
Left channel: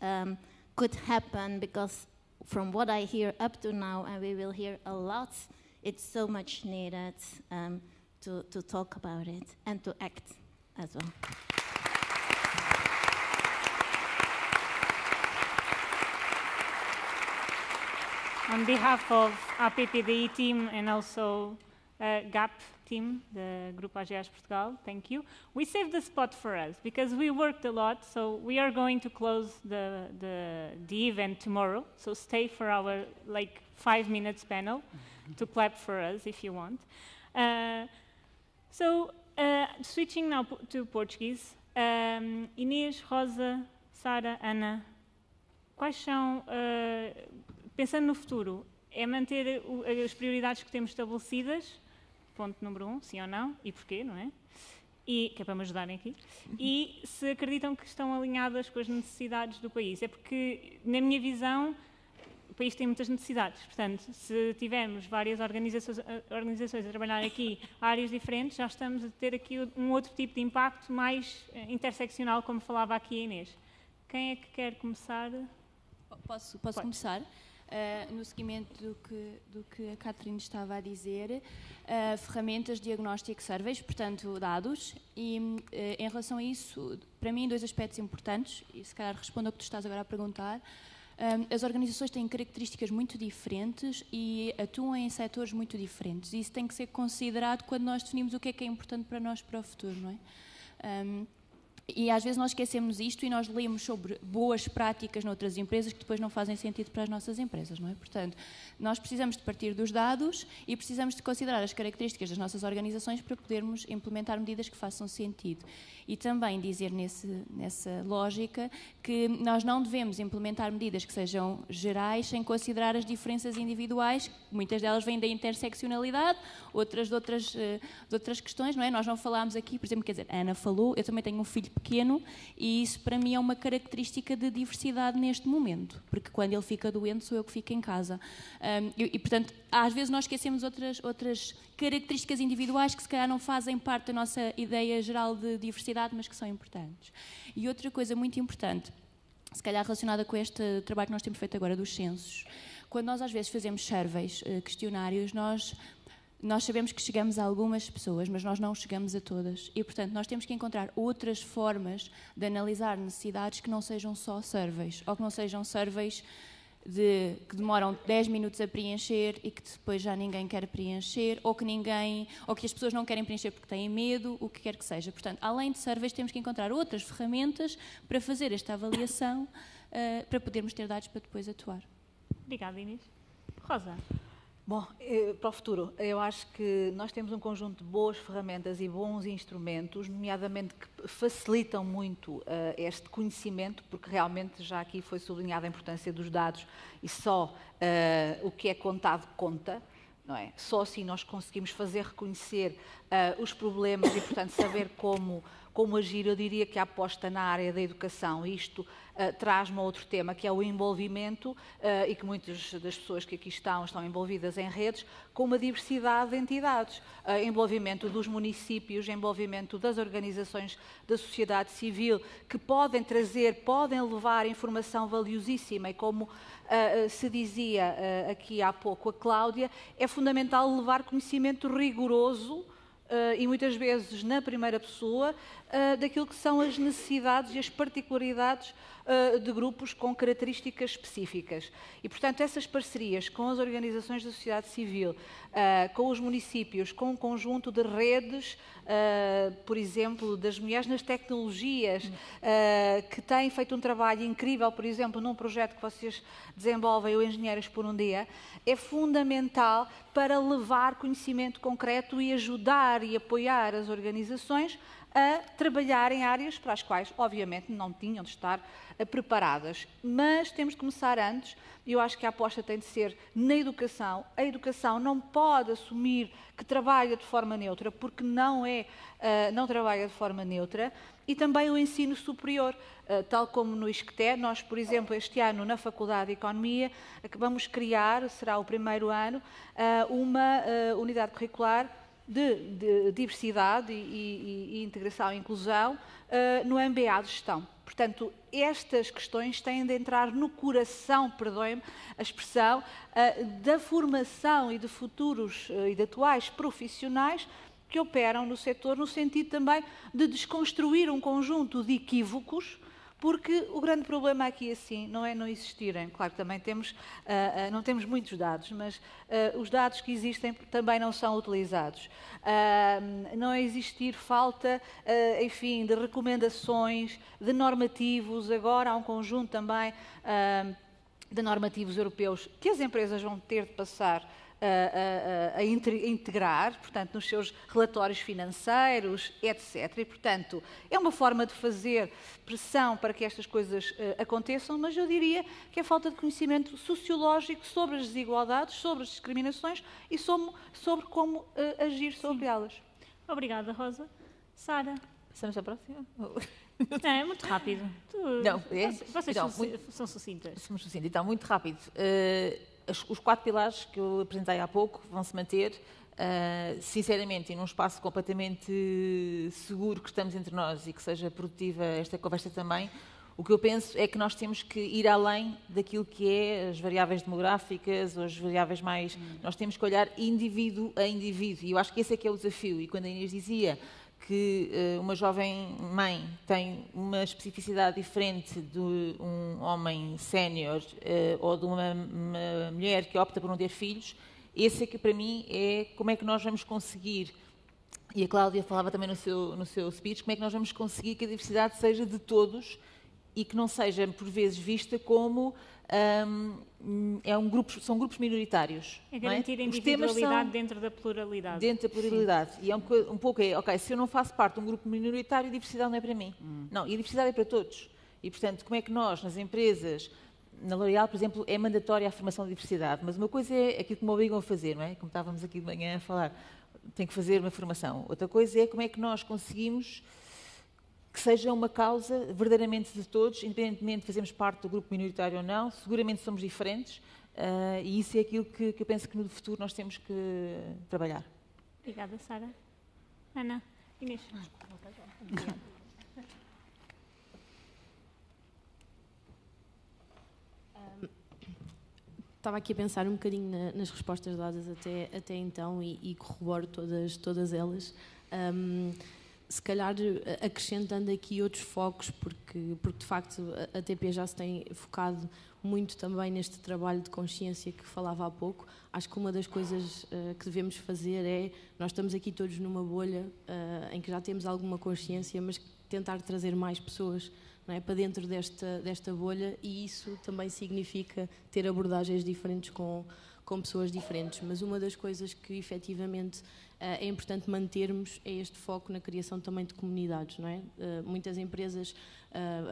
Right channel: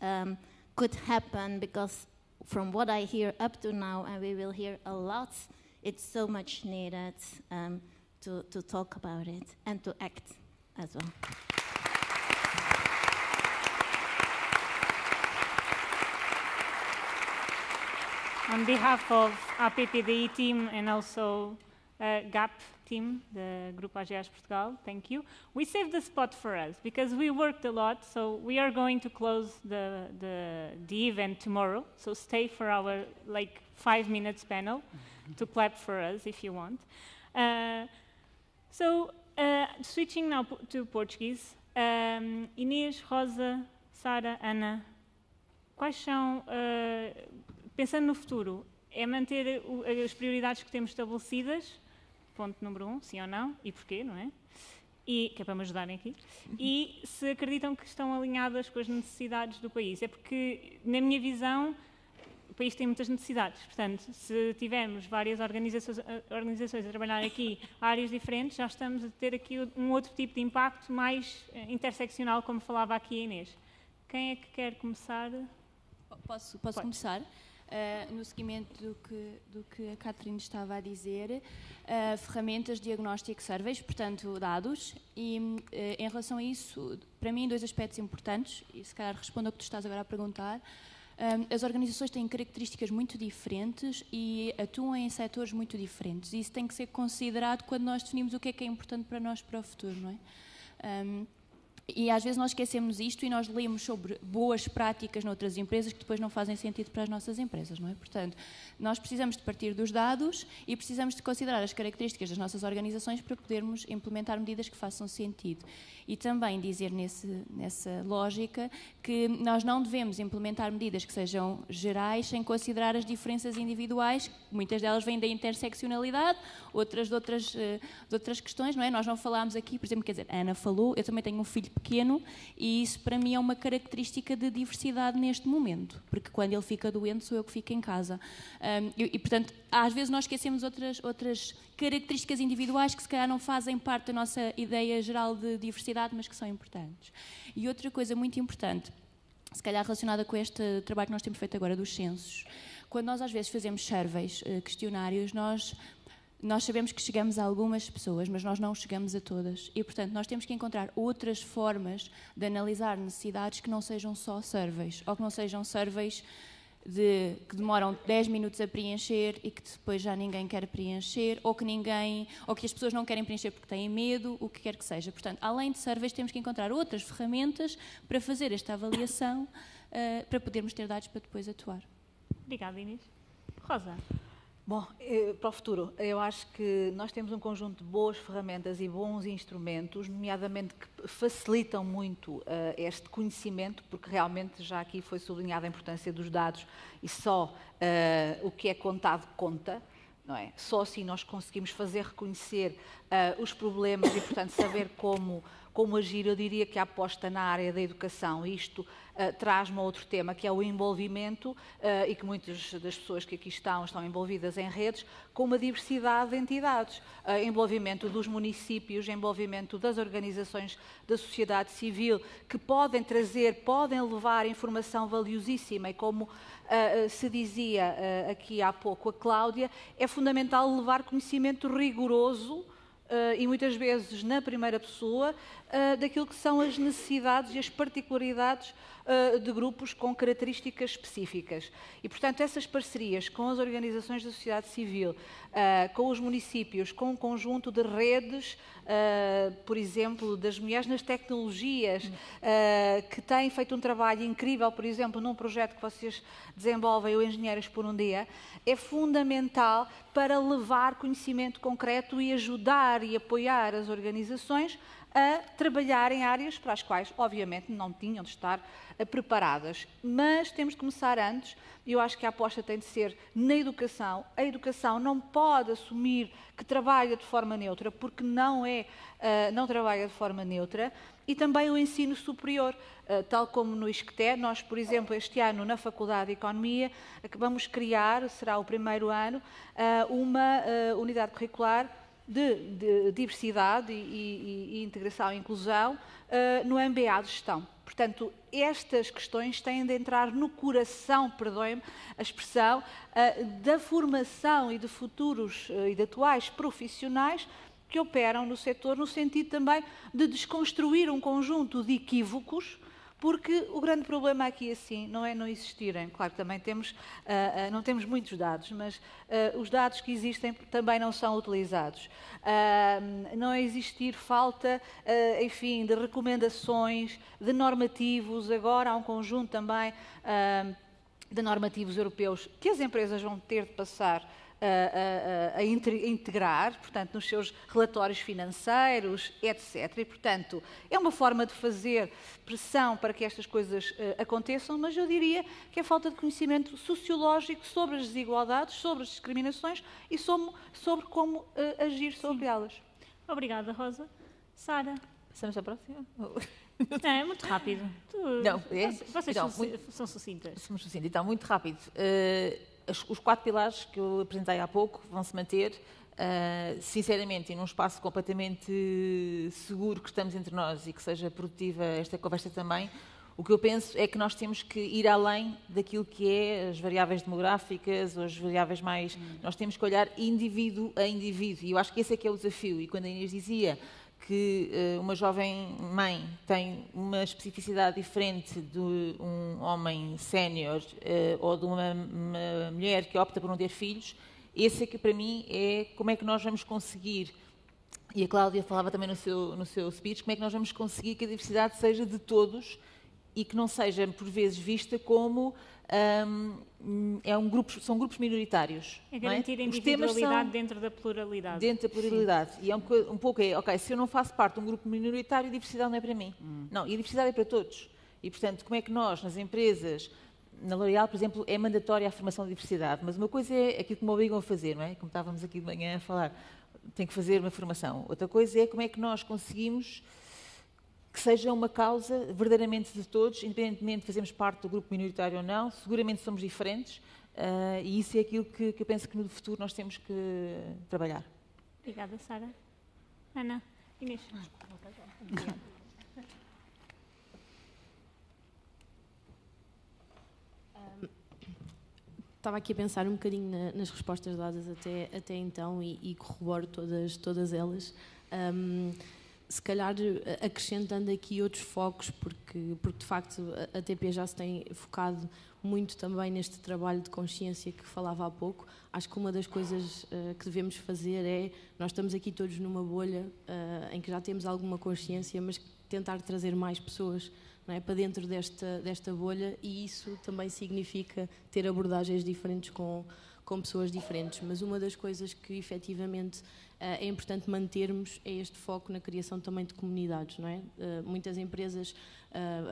could happen, because from what I hear up to now, and we will hear a lot, it's so much needed to talk about it and to act as well. On behalf of APPDI team and also GAP team, the Grupo AGEAs Portugal, thank you. We saved the spot for us because we worked a lot, so we are going to close the event tomorrow. So stay for our 5 minutes panel to clap for us if you want. Switching now to Portuguese. Inês, Rosa, Sara, Ana, quais são, pensando no futuro, é manter as prioridades que temos estabelecidas? Ponto número 1, sim ou não, e porquê, não é? E, que é para me ajudarem aqui. E se acreditam que estão alinhadas com as necessidades do país. É porque, na minha visão, o país tem muitas necessidades. Portanto, se tivermos várias organizações a trabalhar aqui áreas diferentes, já estamos a ter aqui um outro tipo de impacto mais interseccional, como falava aqui a Inês. Quem é que quer começar? Posso começar? No seguimento do que a Catherine estava a dizer, ferramentas de diagnóstico surveys, portanto dados, e em relação a isso, para mim, 2 aspectos importantes, e se calhar respondo ao que tu estás agora a perguntar. As organizações têm características muito diferentes e atuam em setores muito diferentes, e isso tem que ser considerado quando nós definimos o que é importante para nós para o futuro, não é? E às vezes nós esquecemos isto e nós lemos sobre boas práticas noutras empresas que depois não fazem sentido para as nossas empresas, não é? Portanto, nós precisamos de partir dos dados e precisamos de considerar as características das nossas organizações para podermos implementar medidas que façam sentido. E também dizer nessa lógica que nós não devemos implementar medidas que sejam gerais sem considerar as diferenças individuais, muitas delas vêm da interseccionalidade, outras de outras questões, não é? Nós não falámos aqui, por exemplo, quer dizer, a Ana falou, eu também tenho um filho pequeno e isso para mim é uma característica de diversidade neste momento, porque quando ele fica doente sou eu que fico em casa. E portanto, às vezes nós esquecemos outras características individuais que se calhar não fazem parte da nossa ideia geral de diversidade, mas que são importantes. E outra coisa muito importante, se calhar relacionada com este trabalho que nós temos feito agora dos censos, quando nós às vezes fazemos surveys, questionários, nós sabemos que chegamos a algumas pessoas, mas nós não chegamos a todas. E, portanto, nós temos que encontrar outras formas de analisar necessidades que não sejam só surveys, ou que não sejam surveys que demoram 10 minutos a preencher e que depois já ninguém quer preencher, ou que as pessoas não querem preencher porque têm medo, o que quer que seja. Portanto, além de surveys, temos que encontrar outras ferramentas para fazer esta avaliação, para podermos ter dados para depois atuar. Obrigada, Inês. Rosa. Bom, para o futuro, eu acho que nós temos um conjunto de boas ferramentas e bons instrumentos, nomeadamente que facilitam muito este conhecimento, porque realmente já aqui foi sublinhada a importância dos dados e só o que é contado conta, não é? Só assim nós conseguimos fazer reconhecer os problemas e, portanto, saber como agir. Eu diria que a aposta na área da educação, isto traz-me a outro tema, que é o envolvimento, e que muitas das pessoas que aqui estão envolvidas em redes, com uma diversidade de entidades. Envolvimento dos municípios, envolvimento das organizações da sociedade civil, que podem levar informação valiosíssima e como se dizia aqui há pouco a Cláudia, é fundamental levar conhecimento rigoroso e muitas vezes na primeira pessoa daquilo que são as necessidades e as particularidades de grupos com características específicas. E, portanto, essas parcerias com as organizações da sociedade civil, com os municípios, com um conjunto de redes, por exemplo, das mulheres nas tecnologias, que têm feito um trabalho incrível, por exemplo, num projeto que vocês desenvolvem, o Engenheiras por um Dia, é fundamental para levar conhecimento concreto e ajudar e apoiar as organizações a trabalhar em áreas para as quais, obviamente, não tinham de estar preparadas. Mas temos de começar antes, e eu acho que a aposta tem de ser na educação. A educação não pode assumir que trabalha de forma neutra, porque não trabalha de forma neutra, e também o ensino superior, tal como no ISCTE. Nós, por exemplo, este ano, na Faculdade de Economia, acabamos de criar, será o primeiro ano, uma unidade curricular de diversidade e integração e inclusão no MBA de Gestão. Portanto, estas questões têm de entrar no coração, perdoem-me a expressão, da formação e de futuros e de atuais profissionais que operam no setor, no sentido também de desconstruir um conjunto de equívocos, porque o grande problema aqui, assim, não é não existirem. Claro que também não temos muitos dados, mas os dados que existem também não são utilizados. Não existir falta, enfim, de recomendações, de normativos. Agora há um conjunto também de normativos europeus que as empresas vão ter de passar a integrar, portanto, nos seus relatórios financeiros, etc. E, portanto, é uma forma de fazer pressão para que estas coisas aconteçam, mas eu diria que é falta de conhecimento sociológico sobre as desigualdades, sobre as discriminações e sobre como agir sobre elas. Obrigada, Rosa. Sara. Passamos à próxima? Não, é muito rápido. Vocês são sucintas. Somos sucintas. Então, muito rápido. Os 4 pilares que eu apresentei há pouco vão-se manter, sinceramente, e num espaço completamente seguro que estamos entre nós e que seja produtiva esta conversa também. O que eu penso é que nós temos que ir além daquilo que é as variáveis demográficas ou as variáveis mais... Nós temos que olhar indivíduo a indivíduo, e eu acho que esse é que é o desafio. E quando a Inês dizia que uma jovem mãe tem uma especificidade diferente de um homem sénior ou de uma mulher que opta por não ter filhos, esse é que para mim é como é que nós vamos conseguir, e a Cláudia falava também no seu speech, como é que nós vamos conseguir que a diversidade seja de todos e que não seja por vezes vista como são grupos minoritários. É garantir a individualidade dentro da pluralidade. Dentro da pluralidade. Sim. E é um pouco ok, se eu não faço parte de um grupo minoritário, a diversidade não é para mim. Não, e a diversidade é para todos. E, portanto, como é que nós, nas empresas, na L'Oréal, por exemplo, é mandatória a formação de diversidade, mas uma coisa é aquilo que me obrigam a fazer, não é? Como estávamos aqui de manhã a falar, tem que fazer uma formação. Outra coisa é como é que nós conseguimos que seja uma causa verdadeiramente de todos, independentemente de fazermos parte do grupo minoritário ou não. Seguramente somos diferentes, e isso é aquilo que eu penso que no futuro nós temos que trabalhar. Obrigada, Sara. Ana, Inês. Estava aqui a pensar um bocadinho nas respostas dadas até então e corroboro todas elas. Se calhar acrescentando aqui outros focos, porque de facto a TP já se tem focado muito também neste trabalho de consciência que falava há pouco. Acho que uma das coisas que devemos fazer é, nós estamos aqui todos numa bolha em que já temos alguma consciência, mas tentar trazer mais pessoas, não é, para dentro desta bolha, e isso também significa ter abordagens diferentes com pessoas diferentes. Mas uma das coisas que efetivamente é importante mantermos é este foco na criação também de comunidades, não é? Muitas empresas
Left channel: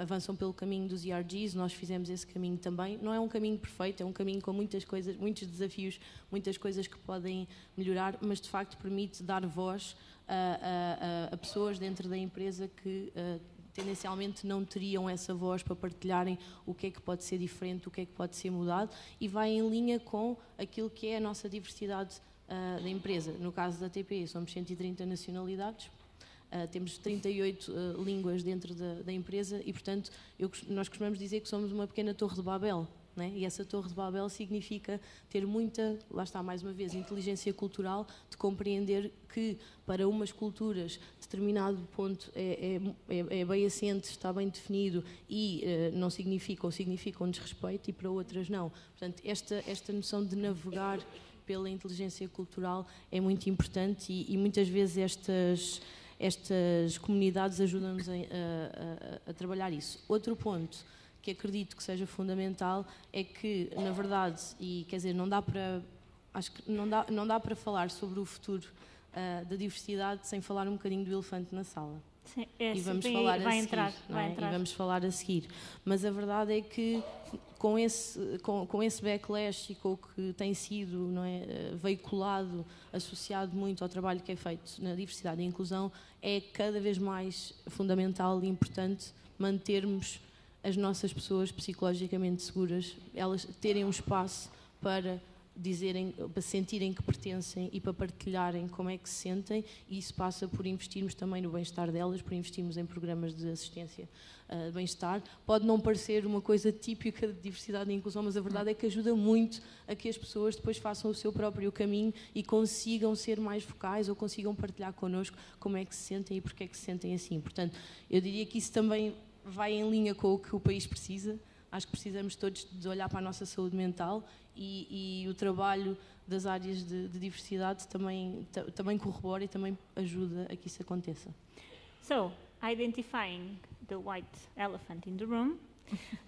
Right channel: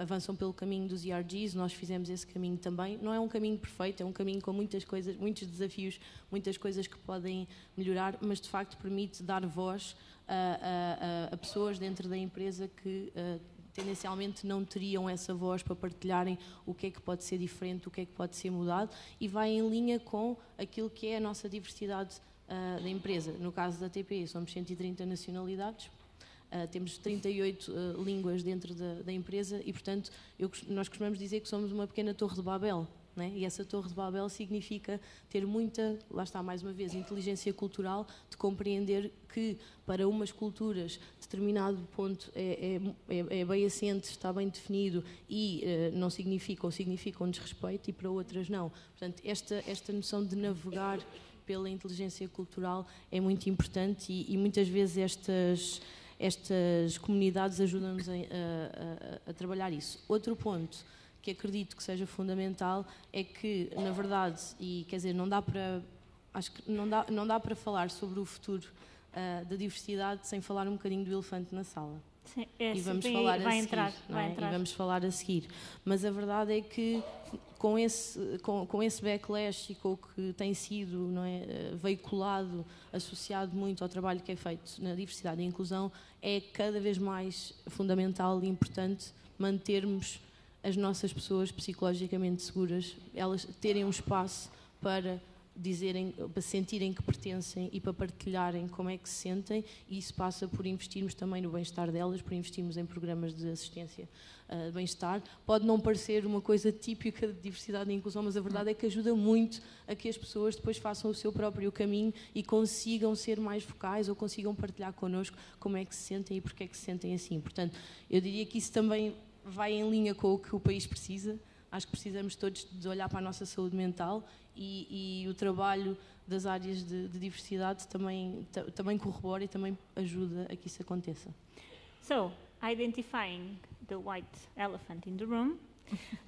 avançam pelo caminho dos ERGs, nós fizemos esse caminho também. Não é um caminho perfeito, é um caminho com muitas coisas, muitos desafios, muitas coisas que podem melhorar, mas de facto permite dar voz a pessoas dentro da empresa que tendencialmente não teriam essa voz para partilharem o que é que pode ser diferente, o que é que pode ser mudado, e vai em linha com aquilo que é a nossa diversidade da empresa. No caso da TP, somos 130 nacionalidades, temos 38 línguas dentro da empresa e, portanto, nós costumamos dizer que somos uma pequena torre de Babel, não é? E essa torre de Babel significa ter muita, lá está mais uma vez, inteligência cultural, de compreender que para umas culturas determinado ponto é bem assente, está bem definido e não significa ou significa um desrespeito, e para outras não. Portanto, esta noção de navegar pela inteligência cultural é muito importante e muitas vezes estas comunidades ajudam-nos a trabalhar isso. Outro ponto que acredito que seja fundamental é que, na verdade, e quer dizer, acho que não dá para falar sobre o futuro da diversidade sem falar um bocadinho do elefante na sala. Sim, e vamos falar a seguir, vai entrar. E vamos falar a seguir. Mas a verdade é que com esse backlash e com o que tem sido, não é, veiculado, associado muito ao trabalho que é feito na diversidade e inclusão, é cada vez mais fundamental e importante mantermos as nossas pessoas psicologicamente seguras, elas terem um espaço para dizerem, para sentirem que pertencem e para partilharem como é que se sentem, e isso passa por investirmos também no bem-estar delas, por investirmos em programas de assistência de bem-estar. Pode não parecer uma coisa típica de diversidade e inclusão, mas a verdade é que ajuda muito a que as pessoas depois façam o seu próprio caminho e consigam ser mais vocais ou consigam partilhar connosco como é que se sentem e porque é que se sentem assim. Portanto, eu diria que isso também vai em linha com o que o país precisa. Acho que precisamos todos de olhar para a nossa saúde mental e o trabalho das áreas de diversidade também corrobora e também ajuda a que isso aconteça. So, identifying the white elephant in the room,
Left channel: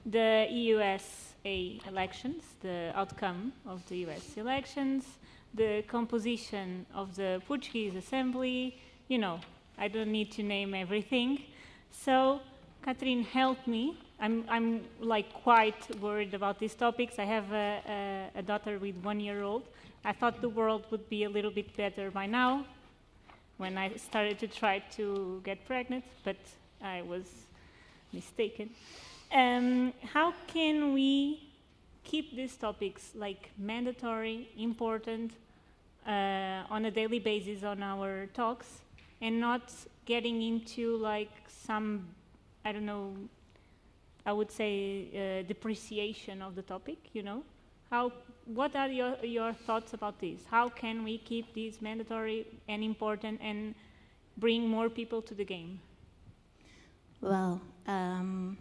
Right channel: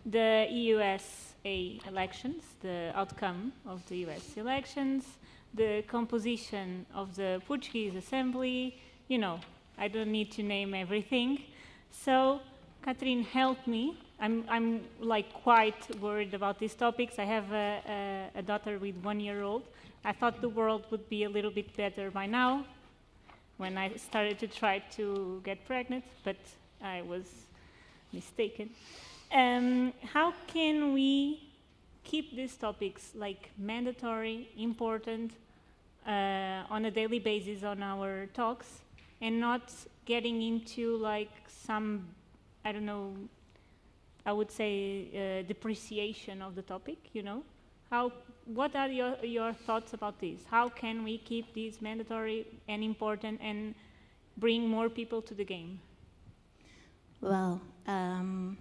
the USA elections, the outcome of the US elections, the composition of the Portuguese Assembly, you know, I don't need to name everything. So, Catherine, help me. I'm like quite worried about these topics. I have a daughter with 1 year old. I thought the world would be a little bit better by now when I started to try to get pregnant, but I was mistaken. How can we keep these topics like mandatory, important on a daily basis on our talks and not getting into like some, I don't know, I would say depreciation of the topic, you know? What are your thoughts about this? How can we keep these mandatory and important and bring more people to the game? Well, I'm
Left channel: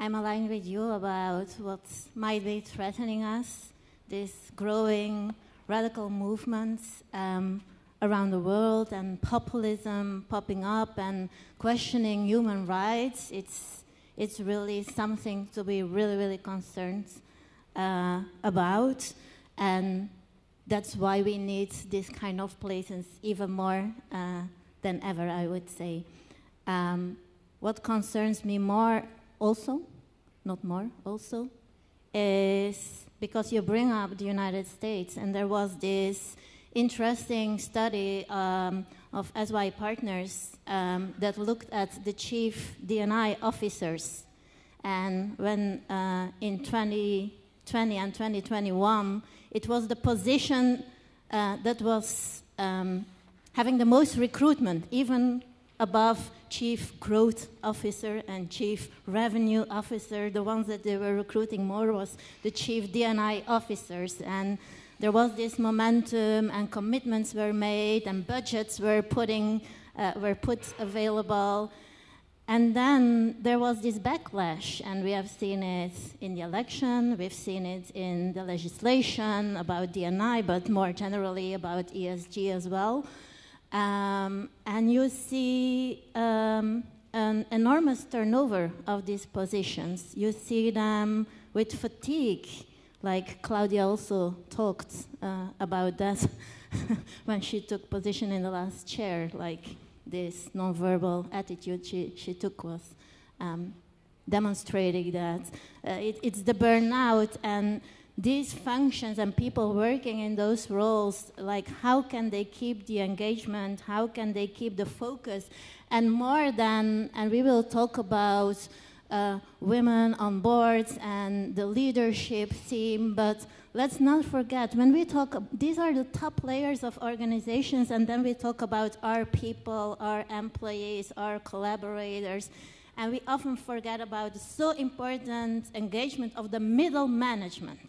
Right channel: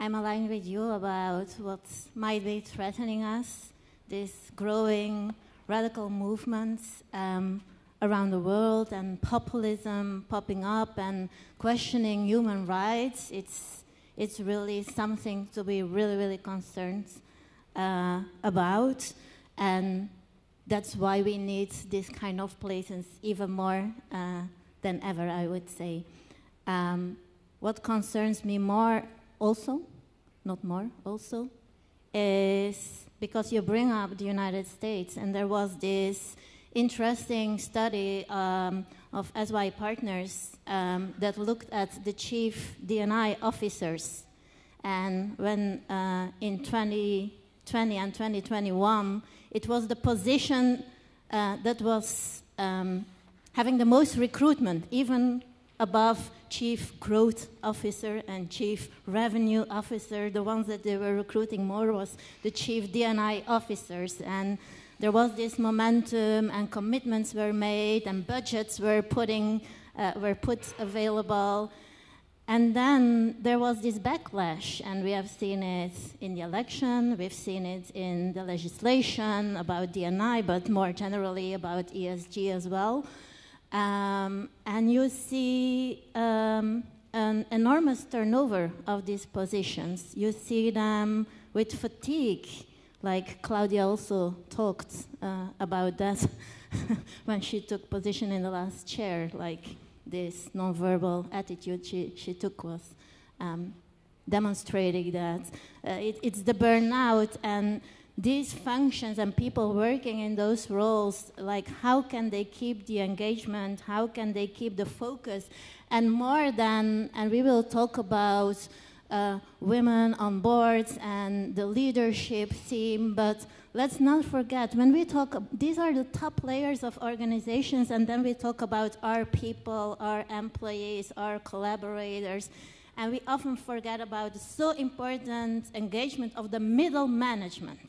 aligned with you about what might be threatening us, these growing radical movements around the world and populism popping up and questioning human rights. It's really something to be really, really concerned about, and that's why we need this kind of places even more than ever, I would say. What concerns me more also, not more, also, is because you bring up the United States, and there was this interesting study of SY Partners that looked at the chief D&I officers. And when in 2020 and 2021, it was the position that was having the most recruitment, even above Chief Growth Officer and Chief Revenue Officer. The ones that they were recruiting more was the Chief D&I officers. And there was this momentum, and commitments were made, and budgets were put available. And then there was this backlash, and we have seen it in the election, we've seen it in the legislation about D&I, but more generally about ESG as well. And you see an enormous turnover of these positions. You see them with fatigue, like Claudia also talked about that when she took position in the last chair, like this non-verbal attitude she took was demonstrating that it's the burnout, and these functions and people working in those roles, like how can they keep the engagement, how can they keep the focus, and more than, and we will talk about women on boards and the leadership team, but let's not forget, when we talk, these are the top layers of organizations, and then we talk about our people, our employees, our collaborators, and we often forget about the so important engagement of the middle management.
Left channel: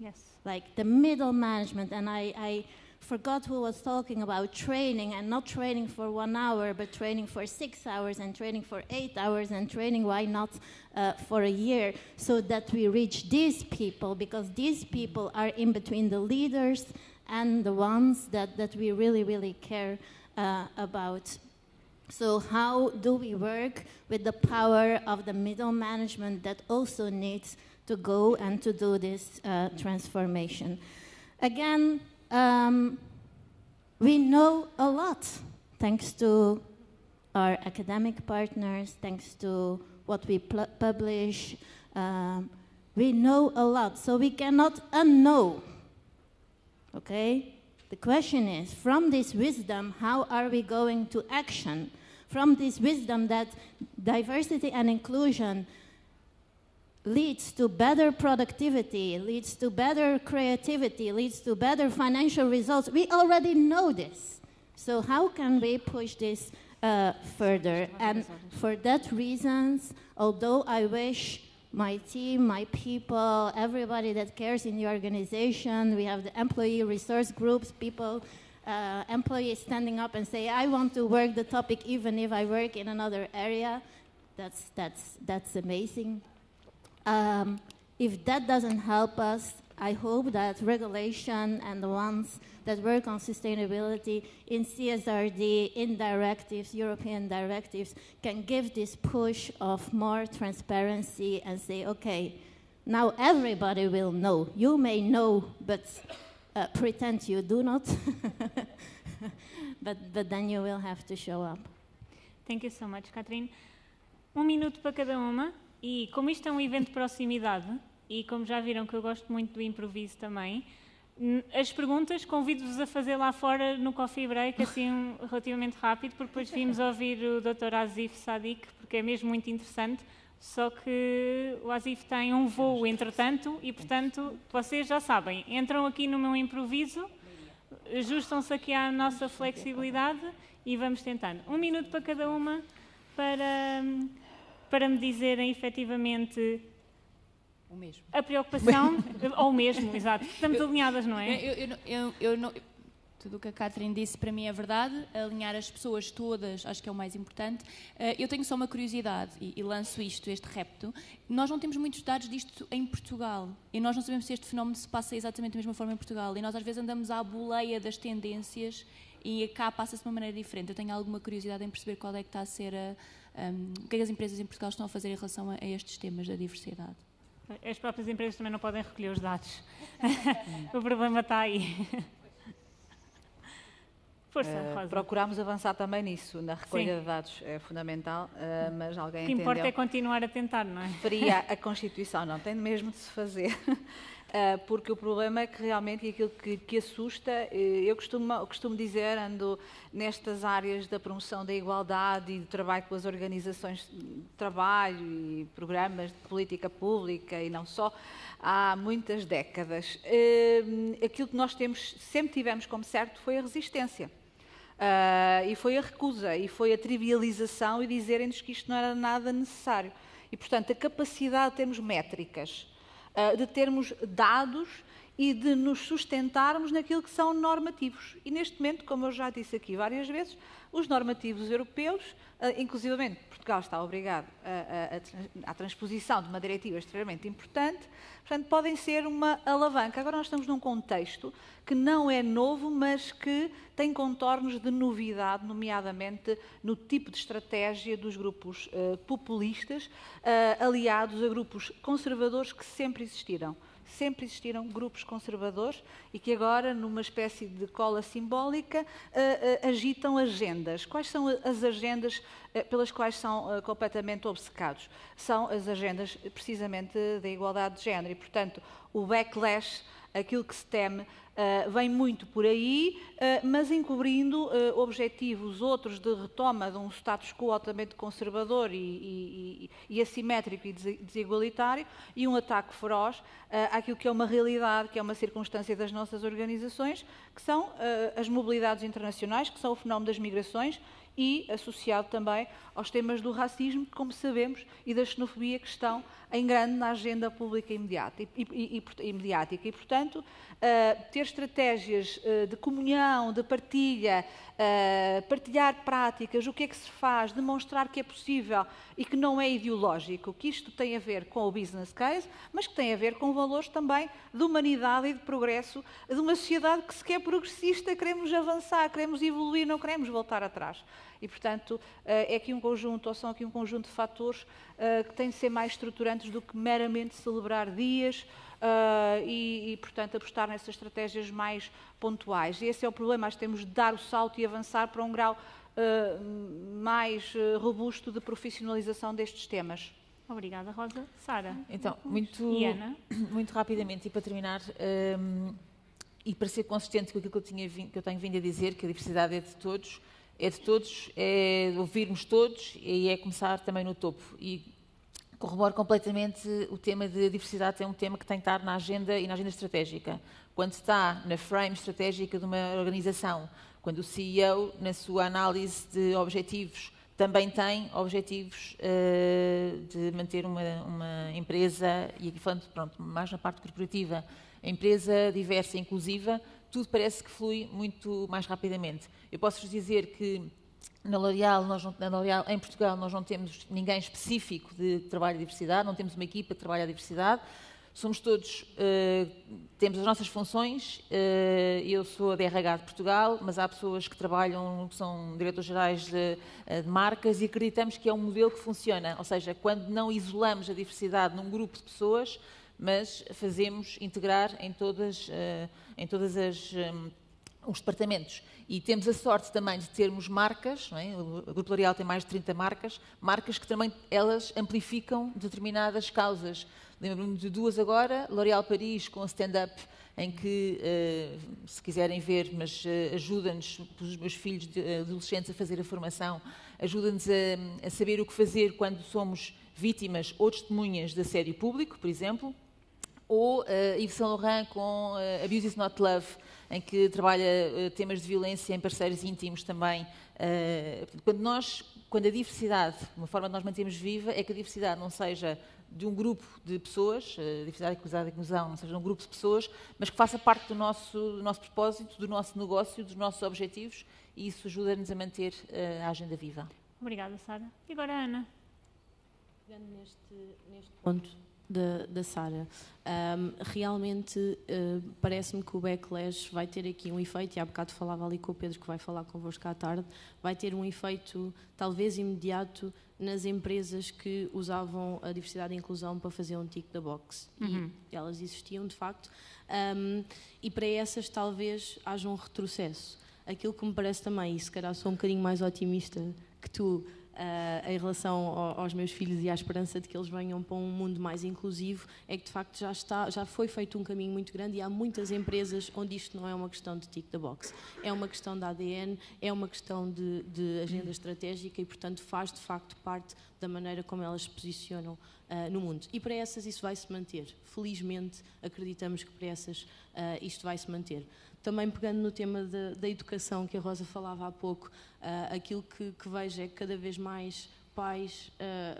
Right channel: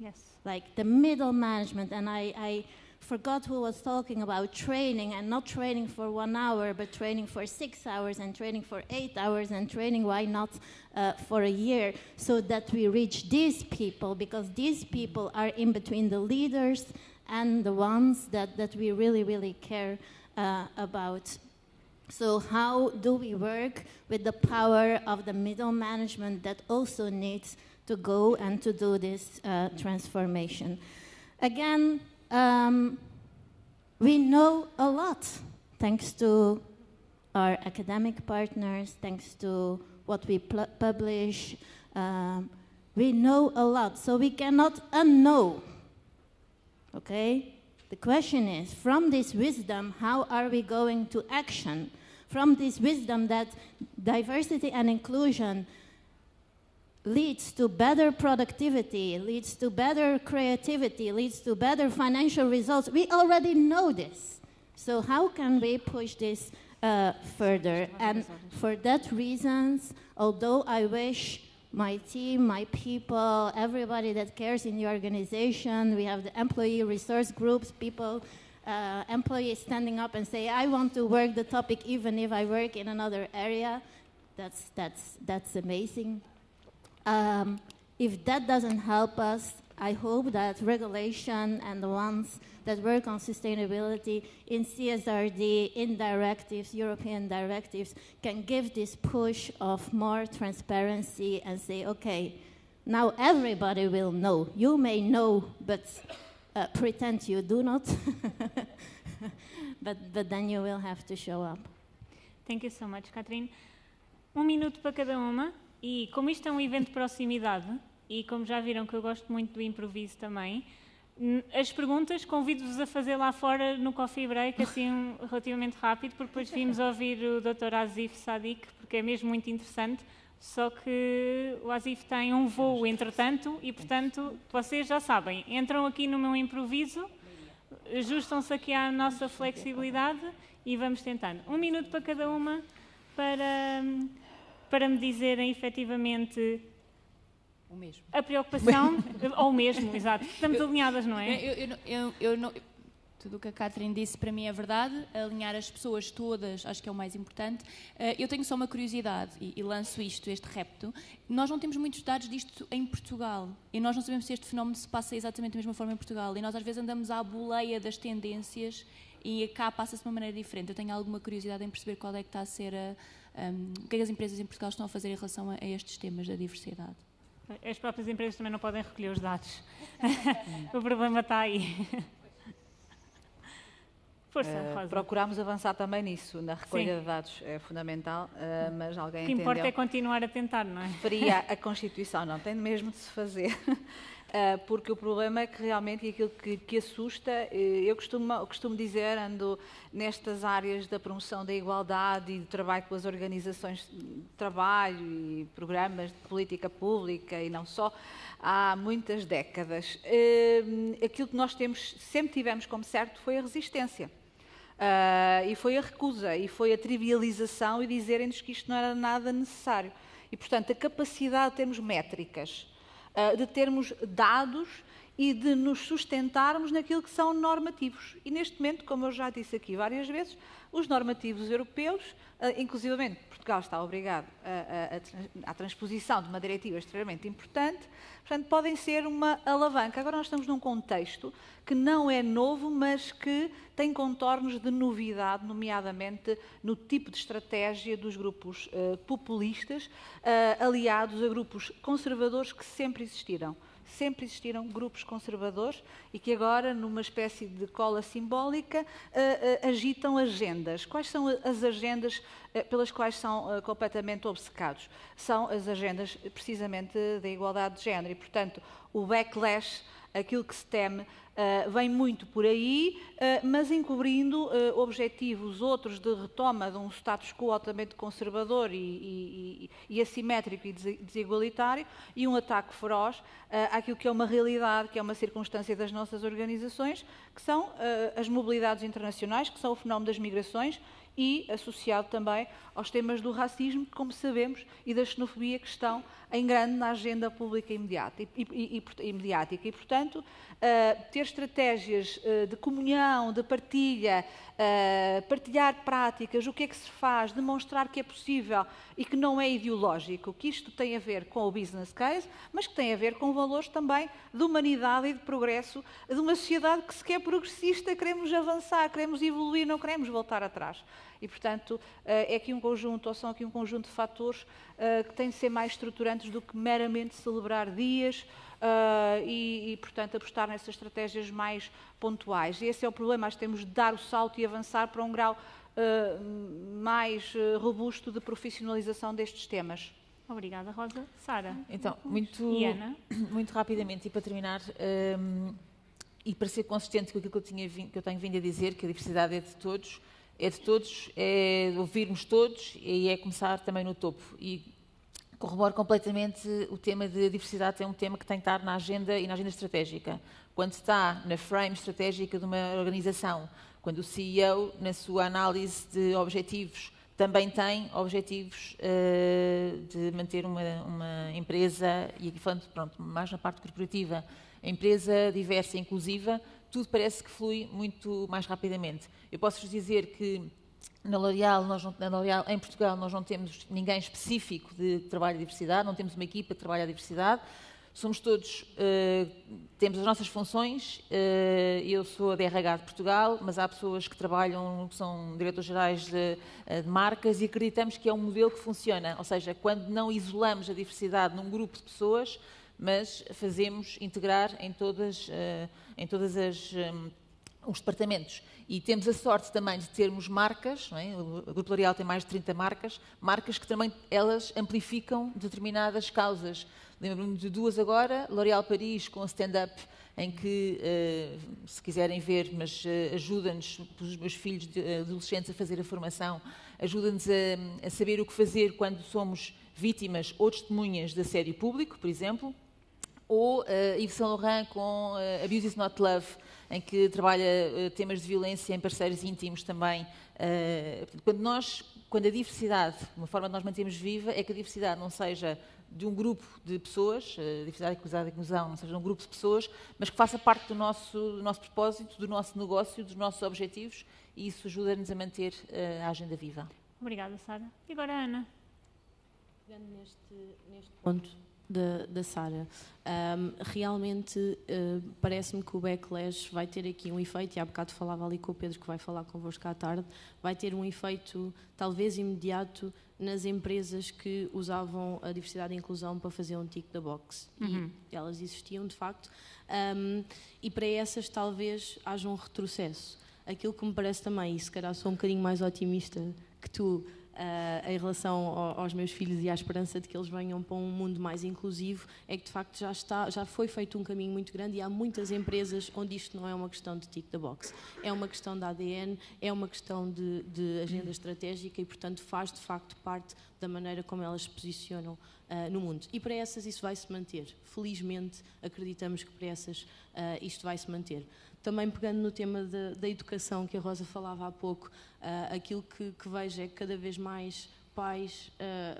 Yes. Like the middle management, and I forgot who was talking about training, and not training for 1 hour, but training for 6 hours, and training for 8 hours, and training, why not, for a year, so that we reach these people, because these people are in between the leaders and the ones that we really, really care about. So how do we work with the power of the middle management that also needs to go and to do this transformation? Again, we know a lot, thanks to our academic partners, thanks to what we publish. We know a lot, so we cannot unknow, okay? The question is, from this wisdom, how are we going to action? From this wisdom that diversity and inclusion leads to better productivity, leads to better creativity, leads to better financial results. We already know this. So how can we push this further? And for that reasons, although I wish my team, my people, everybody that cares in the organization, we have the employee resource groups, people, employees standing up and say, I want to work the topic even if I work in another area. That's amazing. If that doesn't help us, I hope that regulation and the ones that work on sustainability in CSRD, in directives, European directives, can give this push of more transparency and say, okay, now everybody will know. You may know, but pretend you do not. but then you will have to show up. Thank you so much, Catherine. 1 minuto para cada uma. E como isto é um evento de proximidade, e como já viram que eu gosto muito do improviso também, as perguntas convido-vos a fazer lá fora no coffee break, assim relativamente rápido, porque depois vimos ouvir o Dr. Asif Sadiq, porque é mesmo muito interessante, só que o Asif tem um voo entretanto e, portanto, vocês já sabem, entram aqui no meu improviso, ajustam-se aqui à nossa flexibilidade e vamos tentando. 1 minuto para cada uma para me dizerem efetivamente o mesmo. A preocupação, ou o mesmo, exato. Estamos alinhadas, não é? Tudo o que a Catherine disse para mim é verdade, alinhar as pessoas todas acho que é o mais importante. Eu tenho só uma curiosidade e lanço este repto. Nós não temos muitos dados disto em Portugal e nós não sabemos se este fenómeno se passa exatamente da mesma forma em Portugal e nós às vezes andamos à boleia das tendências e cá passa-se de uma maneira diferente. Eu tenho alguma curiosidade em perceber qual é que está a ser o que é que as empresas em Portugal estão a fazer em relação a estes temas da diversidade. As próprias empresas também não podem recolher os dados. O problema está aí. Força, Rosa. Procuramos avançar também nisso, na recolha de dados é fundamental, mas alguém entendeu. O que importa é continuar a tentar, não é? Referia a Constituição, não tem mesmo de se fazer. porque o problema é que realmente aquilo que assusta, eu costumo dizer, ando nestas áreas da promoção da igualdade e do trabalho com as organizações de trabalho e programas de política pública e não só, há muitas décadas. Aquilo que nós sempre tivemos como certo foi a resistência. E foi a recusa, e foi a trivialização e dizerem-nos que isto não era nada necessário. E, portanto, a capacidade de termos métricas, de termos dados e de nos sustentarmos naquilo que são normativos. E, neste momento, como eu já disse aqui várias vezes, os normativos europeus, inclusivamente Portugal está obrigado à transposição de uma diretiva extremamente importante, portanto, podem ser uma alavanca. Agora nós estamos num contexto que não é novo, mas que tem contornos de novidade, nomeadamente no tipo de estratégia dos grupos populistas, aliados a grupos conservadores que sempre existiram. Sempre existiram grupos conservadores e que agora, numa espécie de cola simbólica, agitam agendas. Quais são as agendas pelas quais são completamente obcecados? São as agendas, precisamente, da igualdade de género. E, portanto, o backlash, aquilo que se teme, vem muito por aí, mas encobrindo objetivos outros de retoma de um status quo altamente conservador e assimétrico e desigualitário, e um ataque feroz àquilo que é uma realidade, que é uma circunstância das nossas organizações, que são as mobilidades internacionais, que são o fenómeno das migrações, e associado também aos temas do racismo, como sabemos, e da xenofobia, que estão em grande na agenda pública e mediática. E, portanto, ter estratégias de comunhão, de partilha, partilhar práticas, o que é que se faz, demonstrar que é possível e que não é ideológico, que isto tem a ver com o business case, mas que tem a ver com valores também de humanidade e de progresso, de uma sociedade que se quer progressista, queremos avançar, queremos evoluir, não queremos voltar atrás. E, portanto, é aqui um conjunto, ou são aqui um conjunto de fatores que têm de ser mais estruturantes do que meramente celebrar dias portanto, apostar nessas estratégias mais pontuais. E esse é o problema, nós temos de dar o salto e avançar para um grau mais robusto de profissionalização destes temas. Obrigada, Rosa. Sara? Então, E Ana? muito rapidamente, e para terminar, e para ser consistente com aquilo que eu tenho vindo a dizer, que a diversidade é de todos, é ouvirmos todos e é começar também no topo. E corroboro completamente o tema de diversidade, é um tema que tem que estar na agenda e na agenda estratégica. Quando está na frame estratégica de uma organização, quando o CEO, na sua análise de objetivos, também tem objetivos de manter uma empresa, e aqui falando, pronto, mais na parte corporativa, a empresa diversa e inclusiva, tudo parece que flui muito mais rapidamente. Eu posso-vos dizer que na L'Oréal, em Portugal, nós não temos ninguém específico de trabalho de diversidade, não temos uma equipa que trabalha a diversidade, somos todos, temos as nossas funções, eu sou a DRH de Portugal, mas há pessoas que trabalham, que são diretores-gerais de marcas, e acreditamos que é um modelo que funciona, ou seja, quando não isolamos a diversidade num grupo de pessoas, mas fazemos integrar em todas os departamentos. E temos a sorte também de termos marcas, não é? O Grupo L'Oréal tem mais de 30 marcas que também elas amplificam determinadas causas. Lembro-me de duas agora, L'Oréal Paris com a stand-up, em que, se quiserem ver, mas ajuda-nos, os meus filhos adolescentes, a fazer a formação, ajuda-nos a saber o que fazer quando somos vítimas ou testemunhas de assédio público, por exemplo, ou Yves Saint Laurent com Abuse is Not Love, em que trabalha temas de violência em parceiros íntimos também. Quando a diversidade, uma forma de nós mantermos viva, é que a diversidade não seja de um grupo de pessoas, diversidade, equidade e inclusão, não seja de um grupo de pessoas, mas que faça parte do nosso propósito, do nosso negócio, dos nossos objetivos, e isso ajuda-nos a manter a agenda viva. Obrigada, Sara. E agora a Ana? Pegando neste ponto da Sara, realmente parece-me que o backlash vai ter aqui um efeito, e há bocado falava ali com o Pedro, que vai falar convosco à tarde, vai ter um efeito talvez imediato nas empresas que usavam a diversidade e inclusão para fazer um tick da box. E elas existiam, de facto, e para essas talvez haja um retrocesso. Aquilo que me parece também, e se calhar sou um bocadinho mais otimista que tu, em relação aos meus filhos e à esperança de que eles venham para um mundo mais inclusivo, é que de facto já foi feito um caminho muito grande e há muitas empresas onde isto não é uma questão de tick the box, é uma questão de ADN, é uma questão de agenda estratégica e, portanto, faz de facto parte da maneira como elas se posicionam no mundo. E para essas isso vai se manter. Felizmente, acreditamos que para essas isto vai se manter. Também pegando no tema da educação que a Rosa falava há pouco, aquilo que vejo é que cada vez mais pais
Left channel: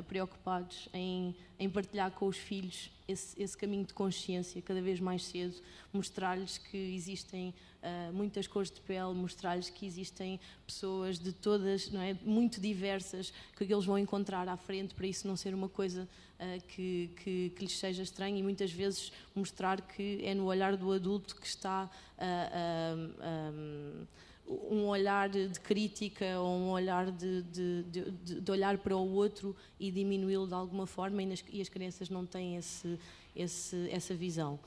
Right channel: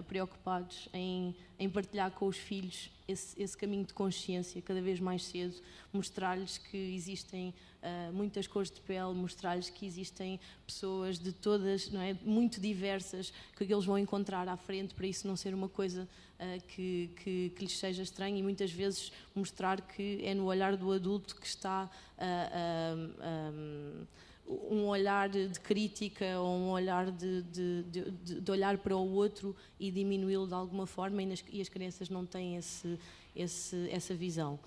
preocupados em partilhar com os filhos esse caminho de consciência cada vez mais cedo, mostrar-lhes que existem muitas cores de pele, mostrar-lhes que existem pessoas de todas, não é, muito diversas, que eles vão encontrar à frente, para isso não ser uma coisa que lhes seja estranha, e muitas vezes mostrar que é no olhar do adulto que está um olhar de crítica ou um olhar de olhar para o outro e diminuí-lo de alguma forma, e as crianças não têm essa visão.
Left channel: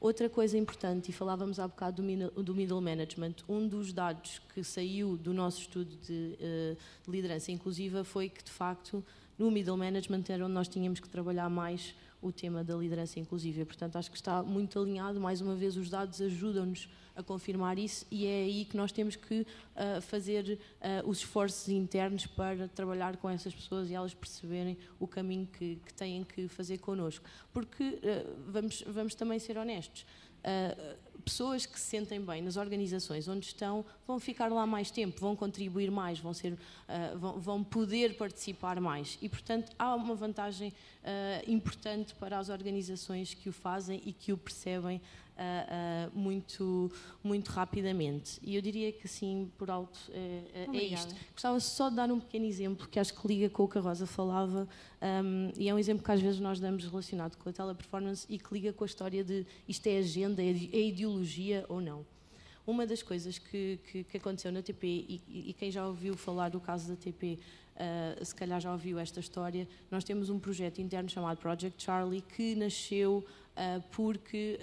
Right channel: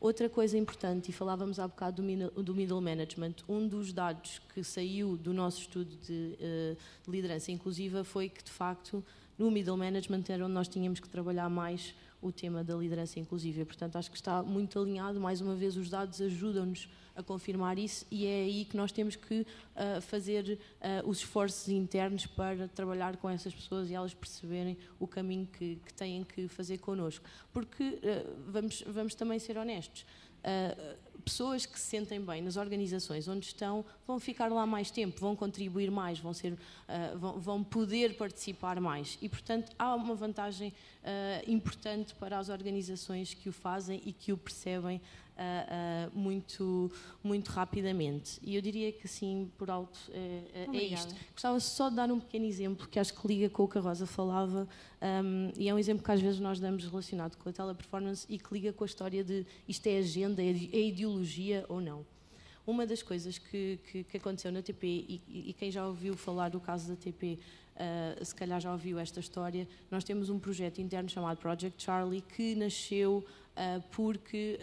Outra coisa importante, e falávamos há bocado do middle management, um dos dados que saiu do nosso estudo de liderança inclusiva foi que, de facto, no middle management era onde nós tínhamos que trabalhar mais o tema da liderança inclusiva. Portanto, acho que está muito alinhado. Mais uma vez, os dados ajudam-nos a confirmar isso, e é aí que nós temos que fazer os esforços internos para trabalhar com essas pessoas e elas perceberem o caminho que têm que fazer connosco. Porque, vamos também ser honestos, pessoas que se sentem bem nas organizações onde estão vão ficar lá mais tempo, vão contribuir mais, vão poder participar mais, e portanto há uma vantagem importante para as organizações que o fazem e que o percebem muito rapidamente. E eu diria que assim, por alto, é isto. Gostava só de dar um pequeno exemplo que acho que liga com o que a Rosa falava, e é um exemplo que às vezes nós damos relacionado com a teleperformance e que liga com a história de isto é agenda, é ideologia ou não. Uma das coisas que aconteceu na TP, e quem já ouviu falar do caso da TP, se calhar já ouviu esta história, nós temos um projeto interno chamado Project Charlie que nasceu porque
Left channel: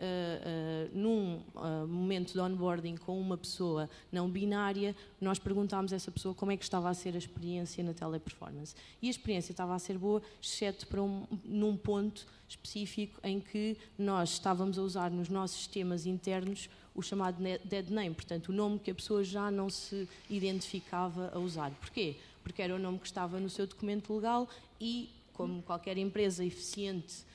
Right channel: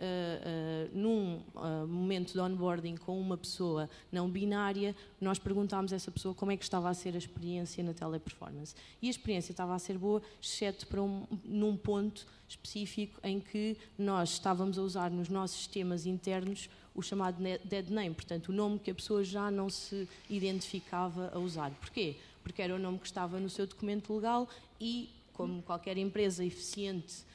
num momento de onboarding com uma pessoa não binária, nós perguntámos a essa pessoa como é que estava a ser a experiência na teleperformance. E a experiência estava a ser boa, exceto para num ponto específico em que nós estávamos a usar nos nossos sistemas internos o chamado dead name, portanto o nome que a pessoa já não se identificava a usar. Porquê? Porque era o nome que estava no seu documento legal e, como qualquer empresa eficiente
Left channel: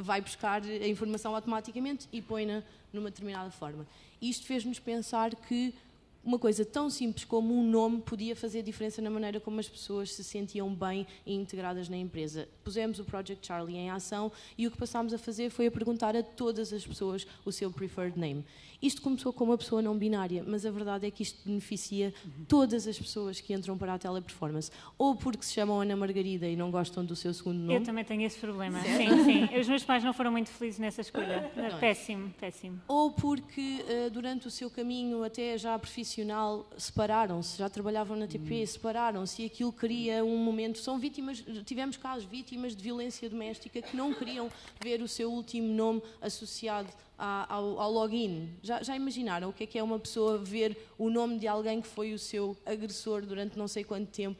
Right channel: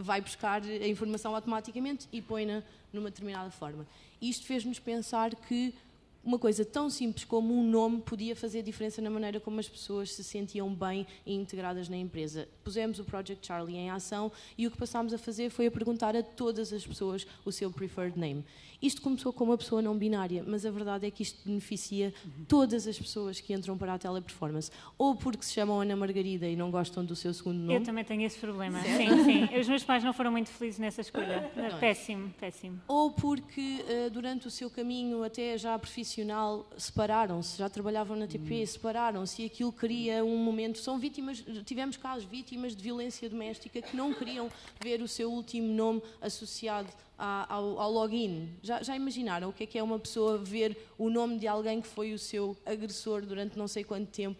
vai buscar a informação automaticamente e põe-na numa determinada forma. Isto fez-nos pensar que uma coisa tão simples como um nome podia fazer diferença na maneira como as pessoas se sentiam bem e integradas na empresa. Pusemos o Project Charlie em ação e o que passámos a fazer foi a perguntar a todas as pessoas o seu preferred name. Isto começou com uma pessoa não binária, mas a verdade é que isto beneficia todas as pessoas que entram para a teleperformance. Ou porque se chamam Ana Margarida e não gostam do seu segundo nome. Eu também tenho esse problema. Sim. Os meus pais não foram muito felizes nessa escolha. Péssimo. Ou porque durante o seu caminho até já profissional separaram-se, já trabalhavam na TP, separaram-se, e aquilo cria um momento. São vítimas, tivemos casos, vítimas de violência doméstica que não queriam ver o seu último nome associado ao login. Já imaginaram o que é uma pessoa ver o nome de alguém que foi o seu agressor durante não sei quanto tempo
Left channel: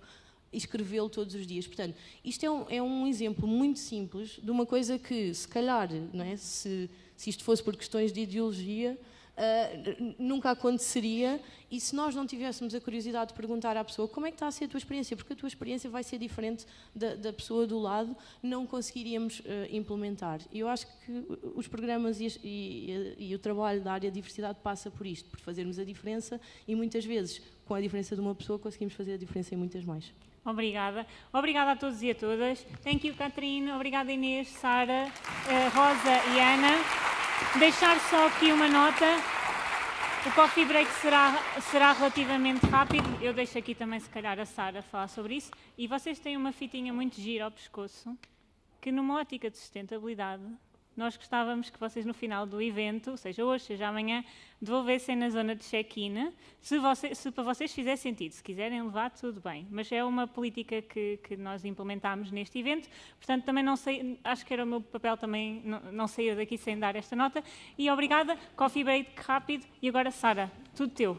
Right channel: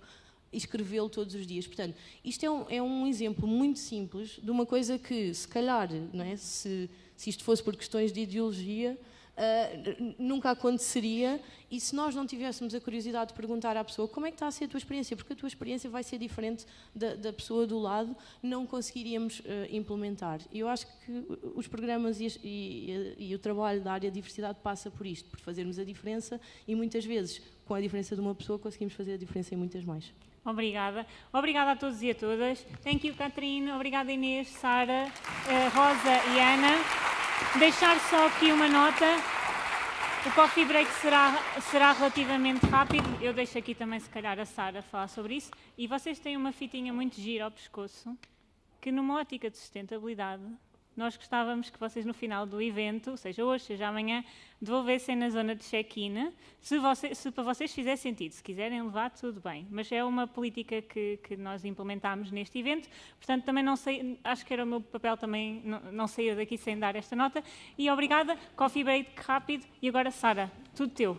e escrevê-lo todos os dias? Portanto, isto é um exemplo muito simples de uma coisa que, se calhar, não é, se isto fosse por questões de ideologia, nunca aconteceria, e se nós não tivéssemos a curiosidade de perguntar à pessoa como é que está a ser a tua experiência, porque a tua experiência vai ser diferente da pessoa do lado, não conseguiríamos implementar. E eu acho que os programas e o trabalho da área de diversidade passa por isto, por fazermos a diferença, e muitas vezes com a diferença de uma pessoa conseguimos fazer a diferença em muitas mais. Obrigada a todos e a todas. Thank you, Catarina. Obrigada, Inês, Sara, Rosa e Ana. Deixar só aqui uma nota. O coffee break será relativamente rápido. Eu deixo aqui também, se calhar, a Sara falar sobre isso. E vocês têm uma fitinha muito gira ao pescoço, que numa ótica de sustentabilidade, nós gostávamos que vocês no final do evento, seja hoje, seja amanhã, devolvessem na zona de check-in, se para vocês fizer sentido. Se quiserem levar, tudo bem. Mas é uma política que nós implementámos neste evento, portanto também não sei, acho que era o meu papel também não sair daqui sem dar esta nota. E obrigada, coffee break rápido. E agora, Sara, tudo teu.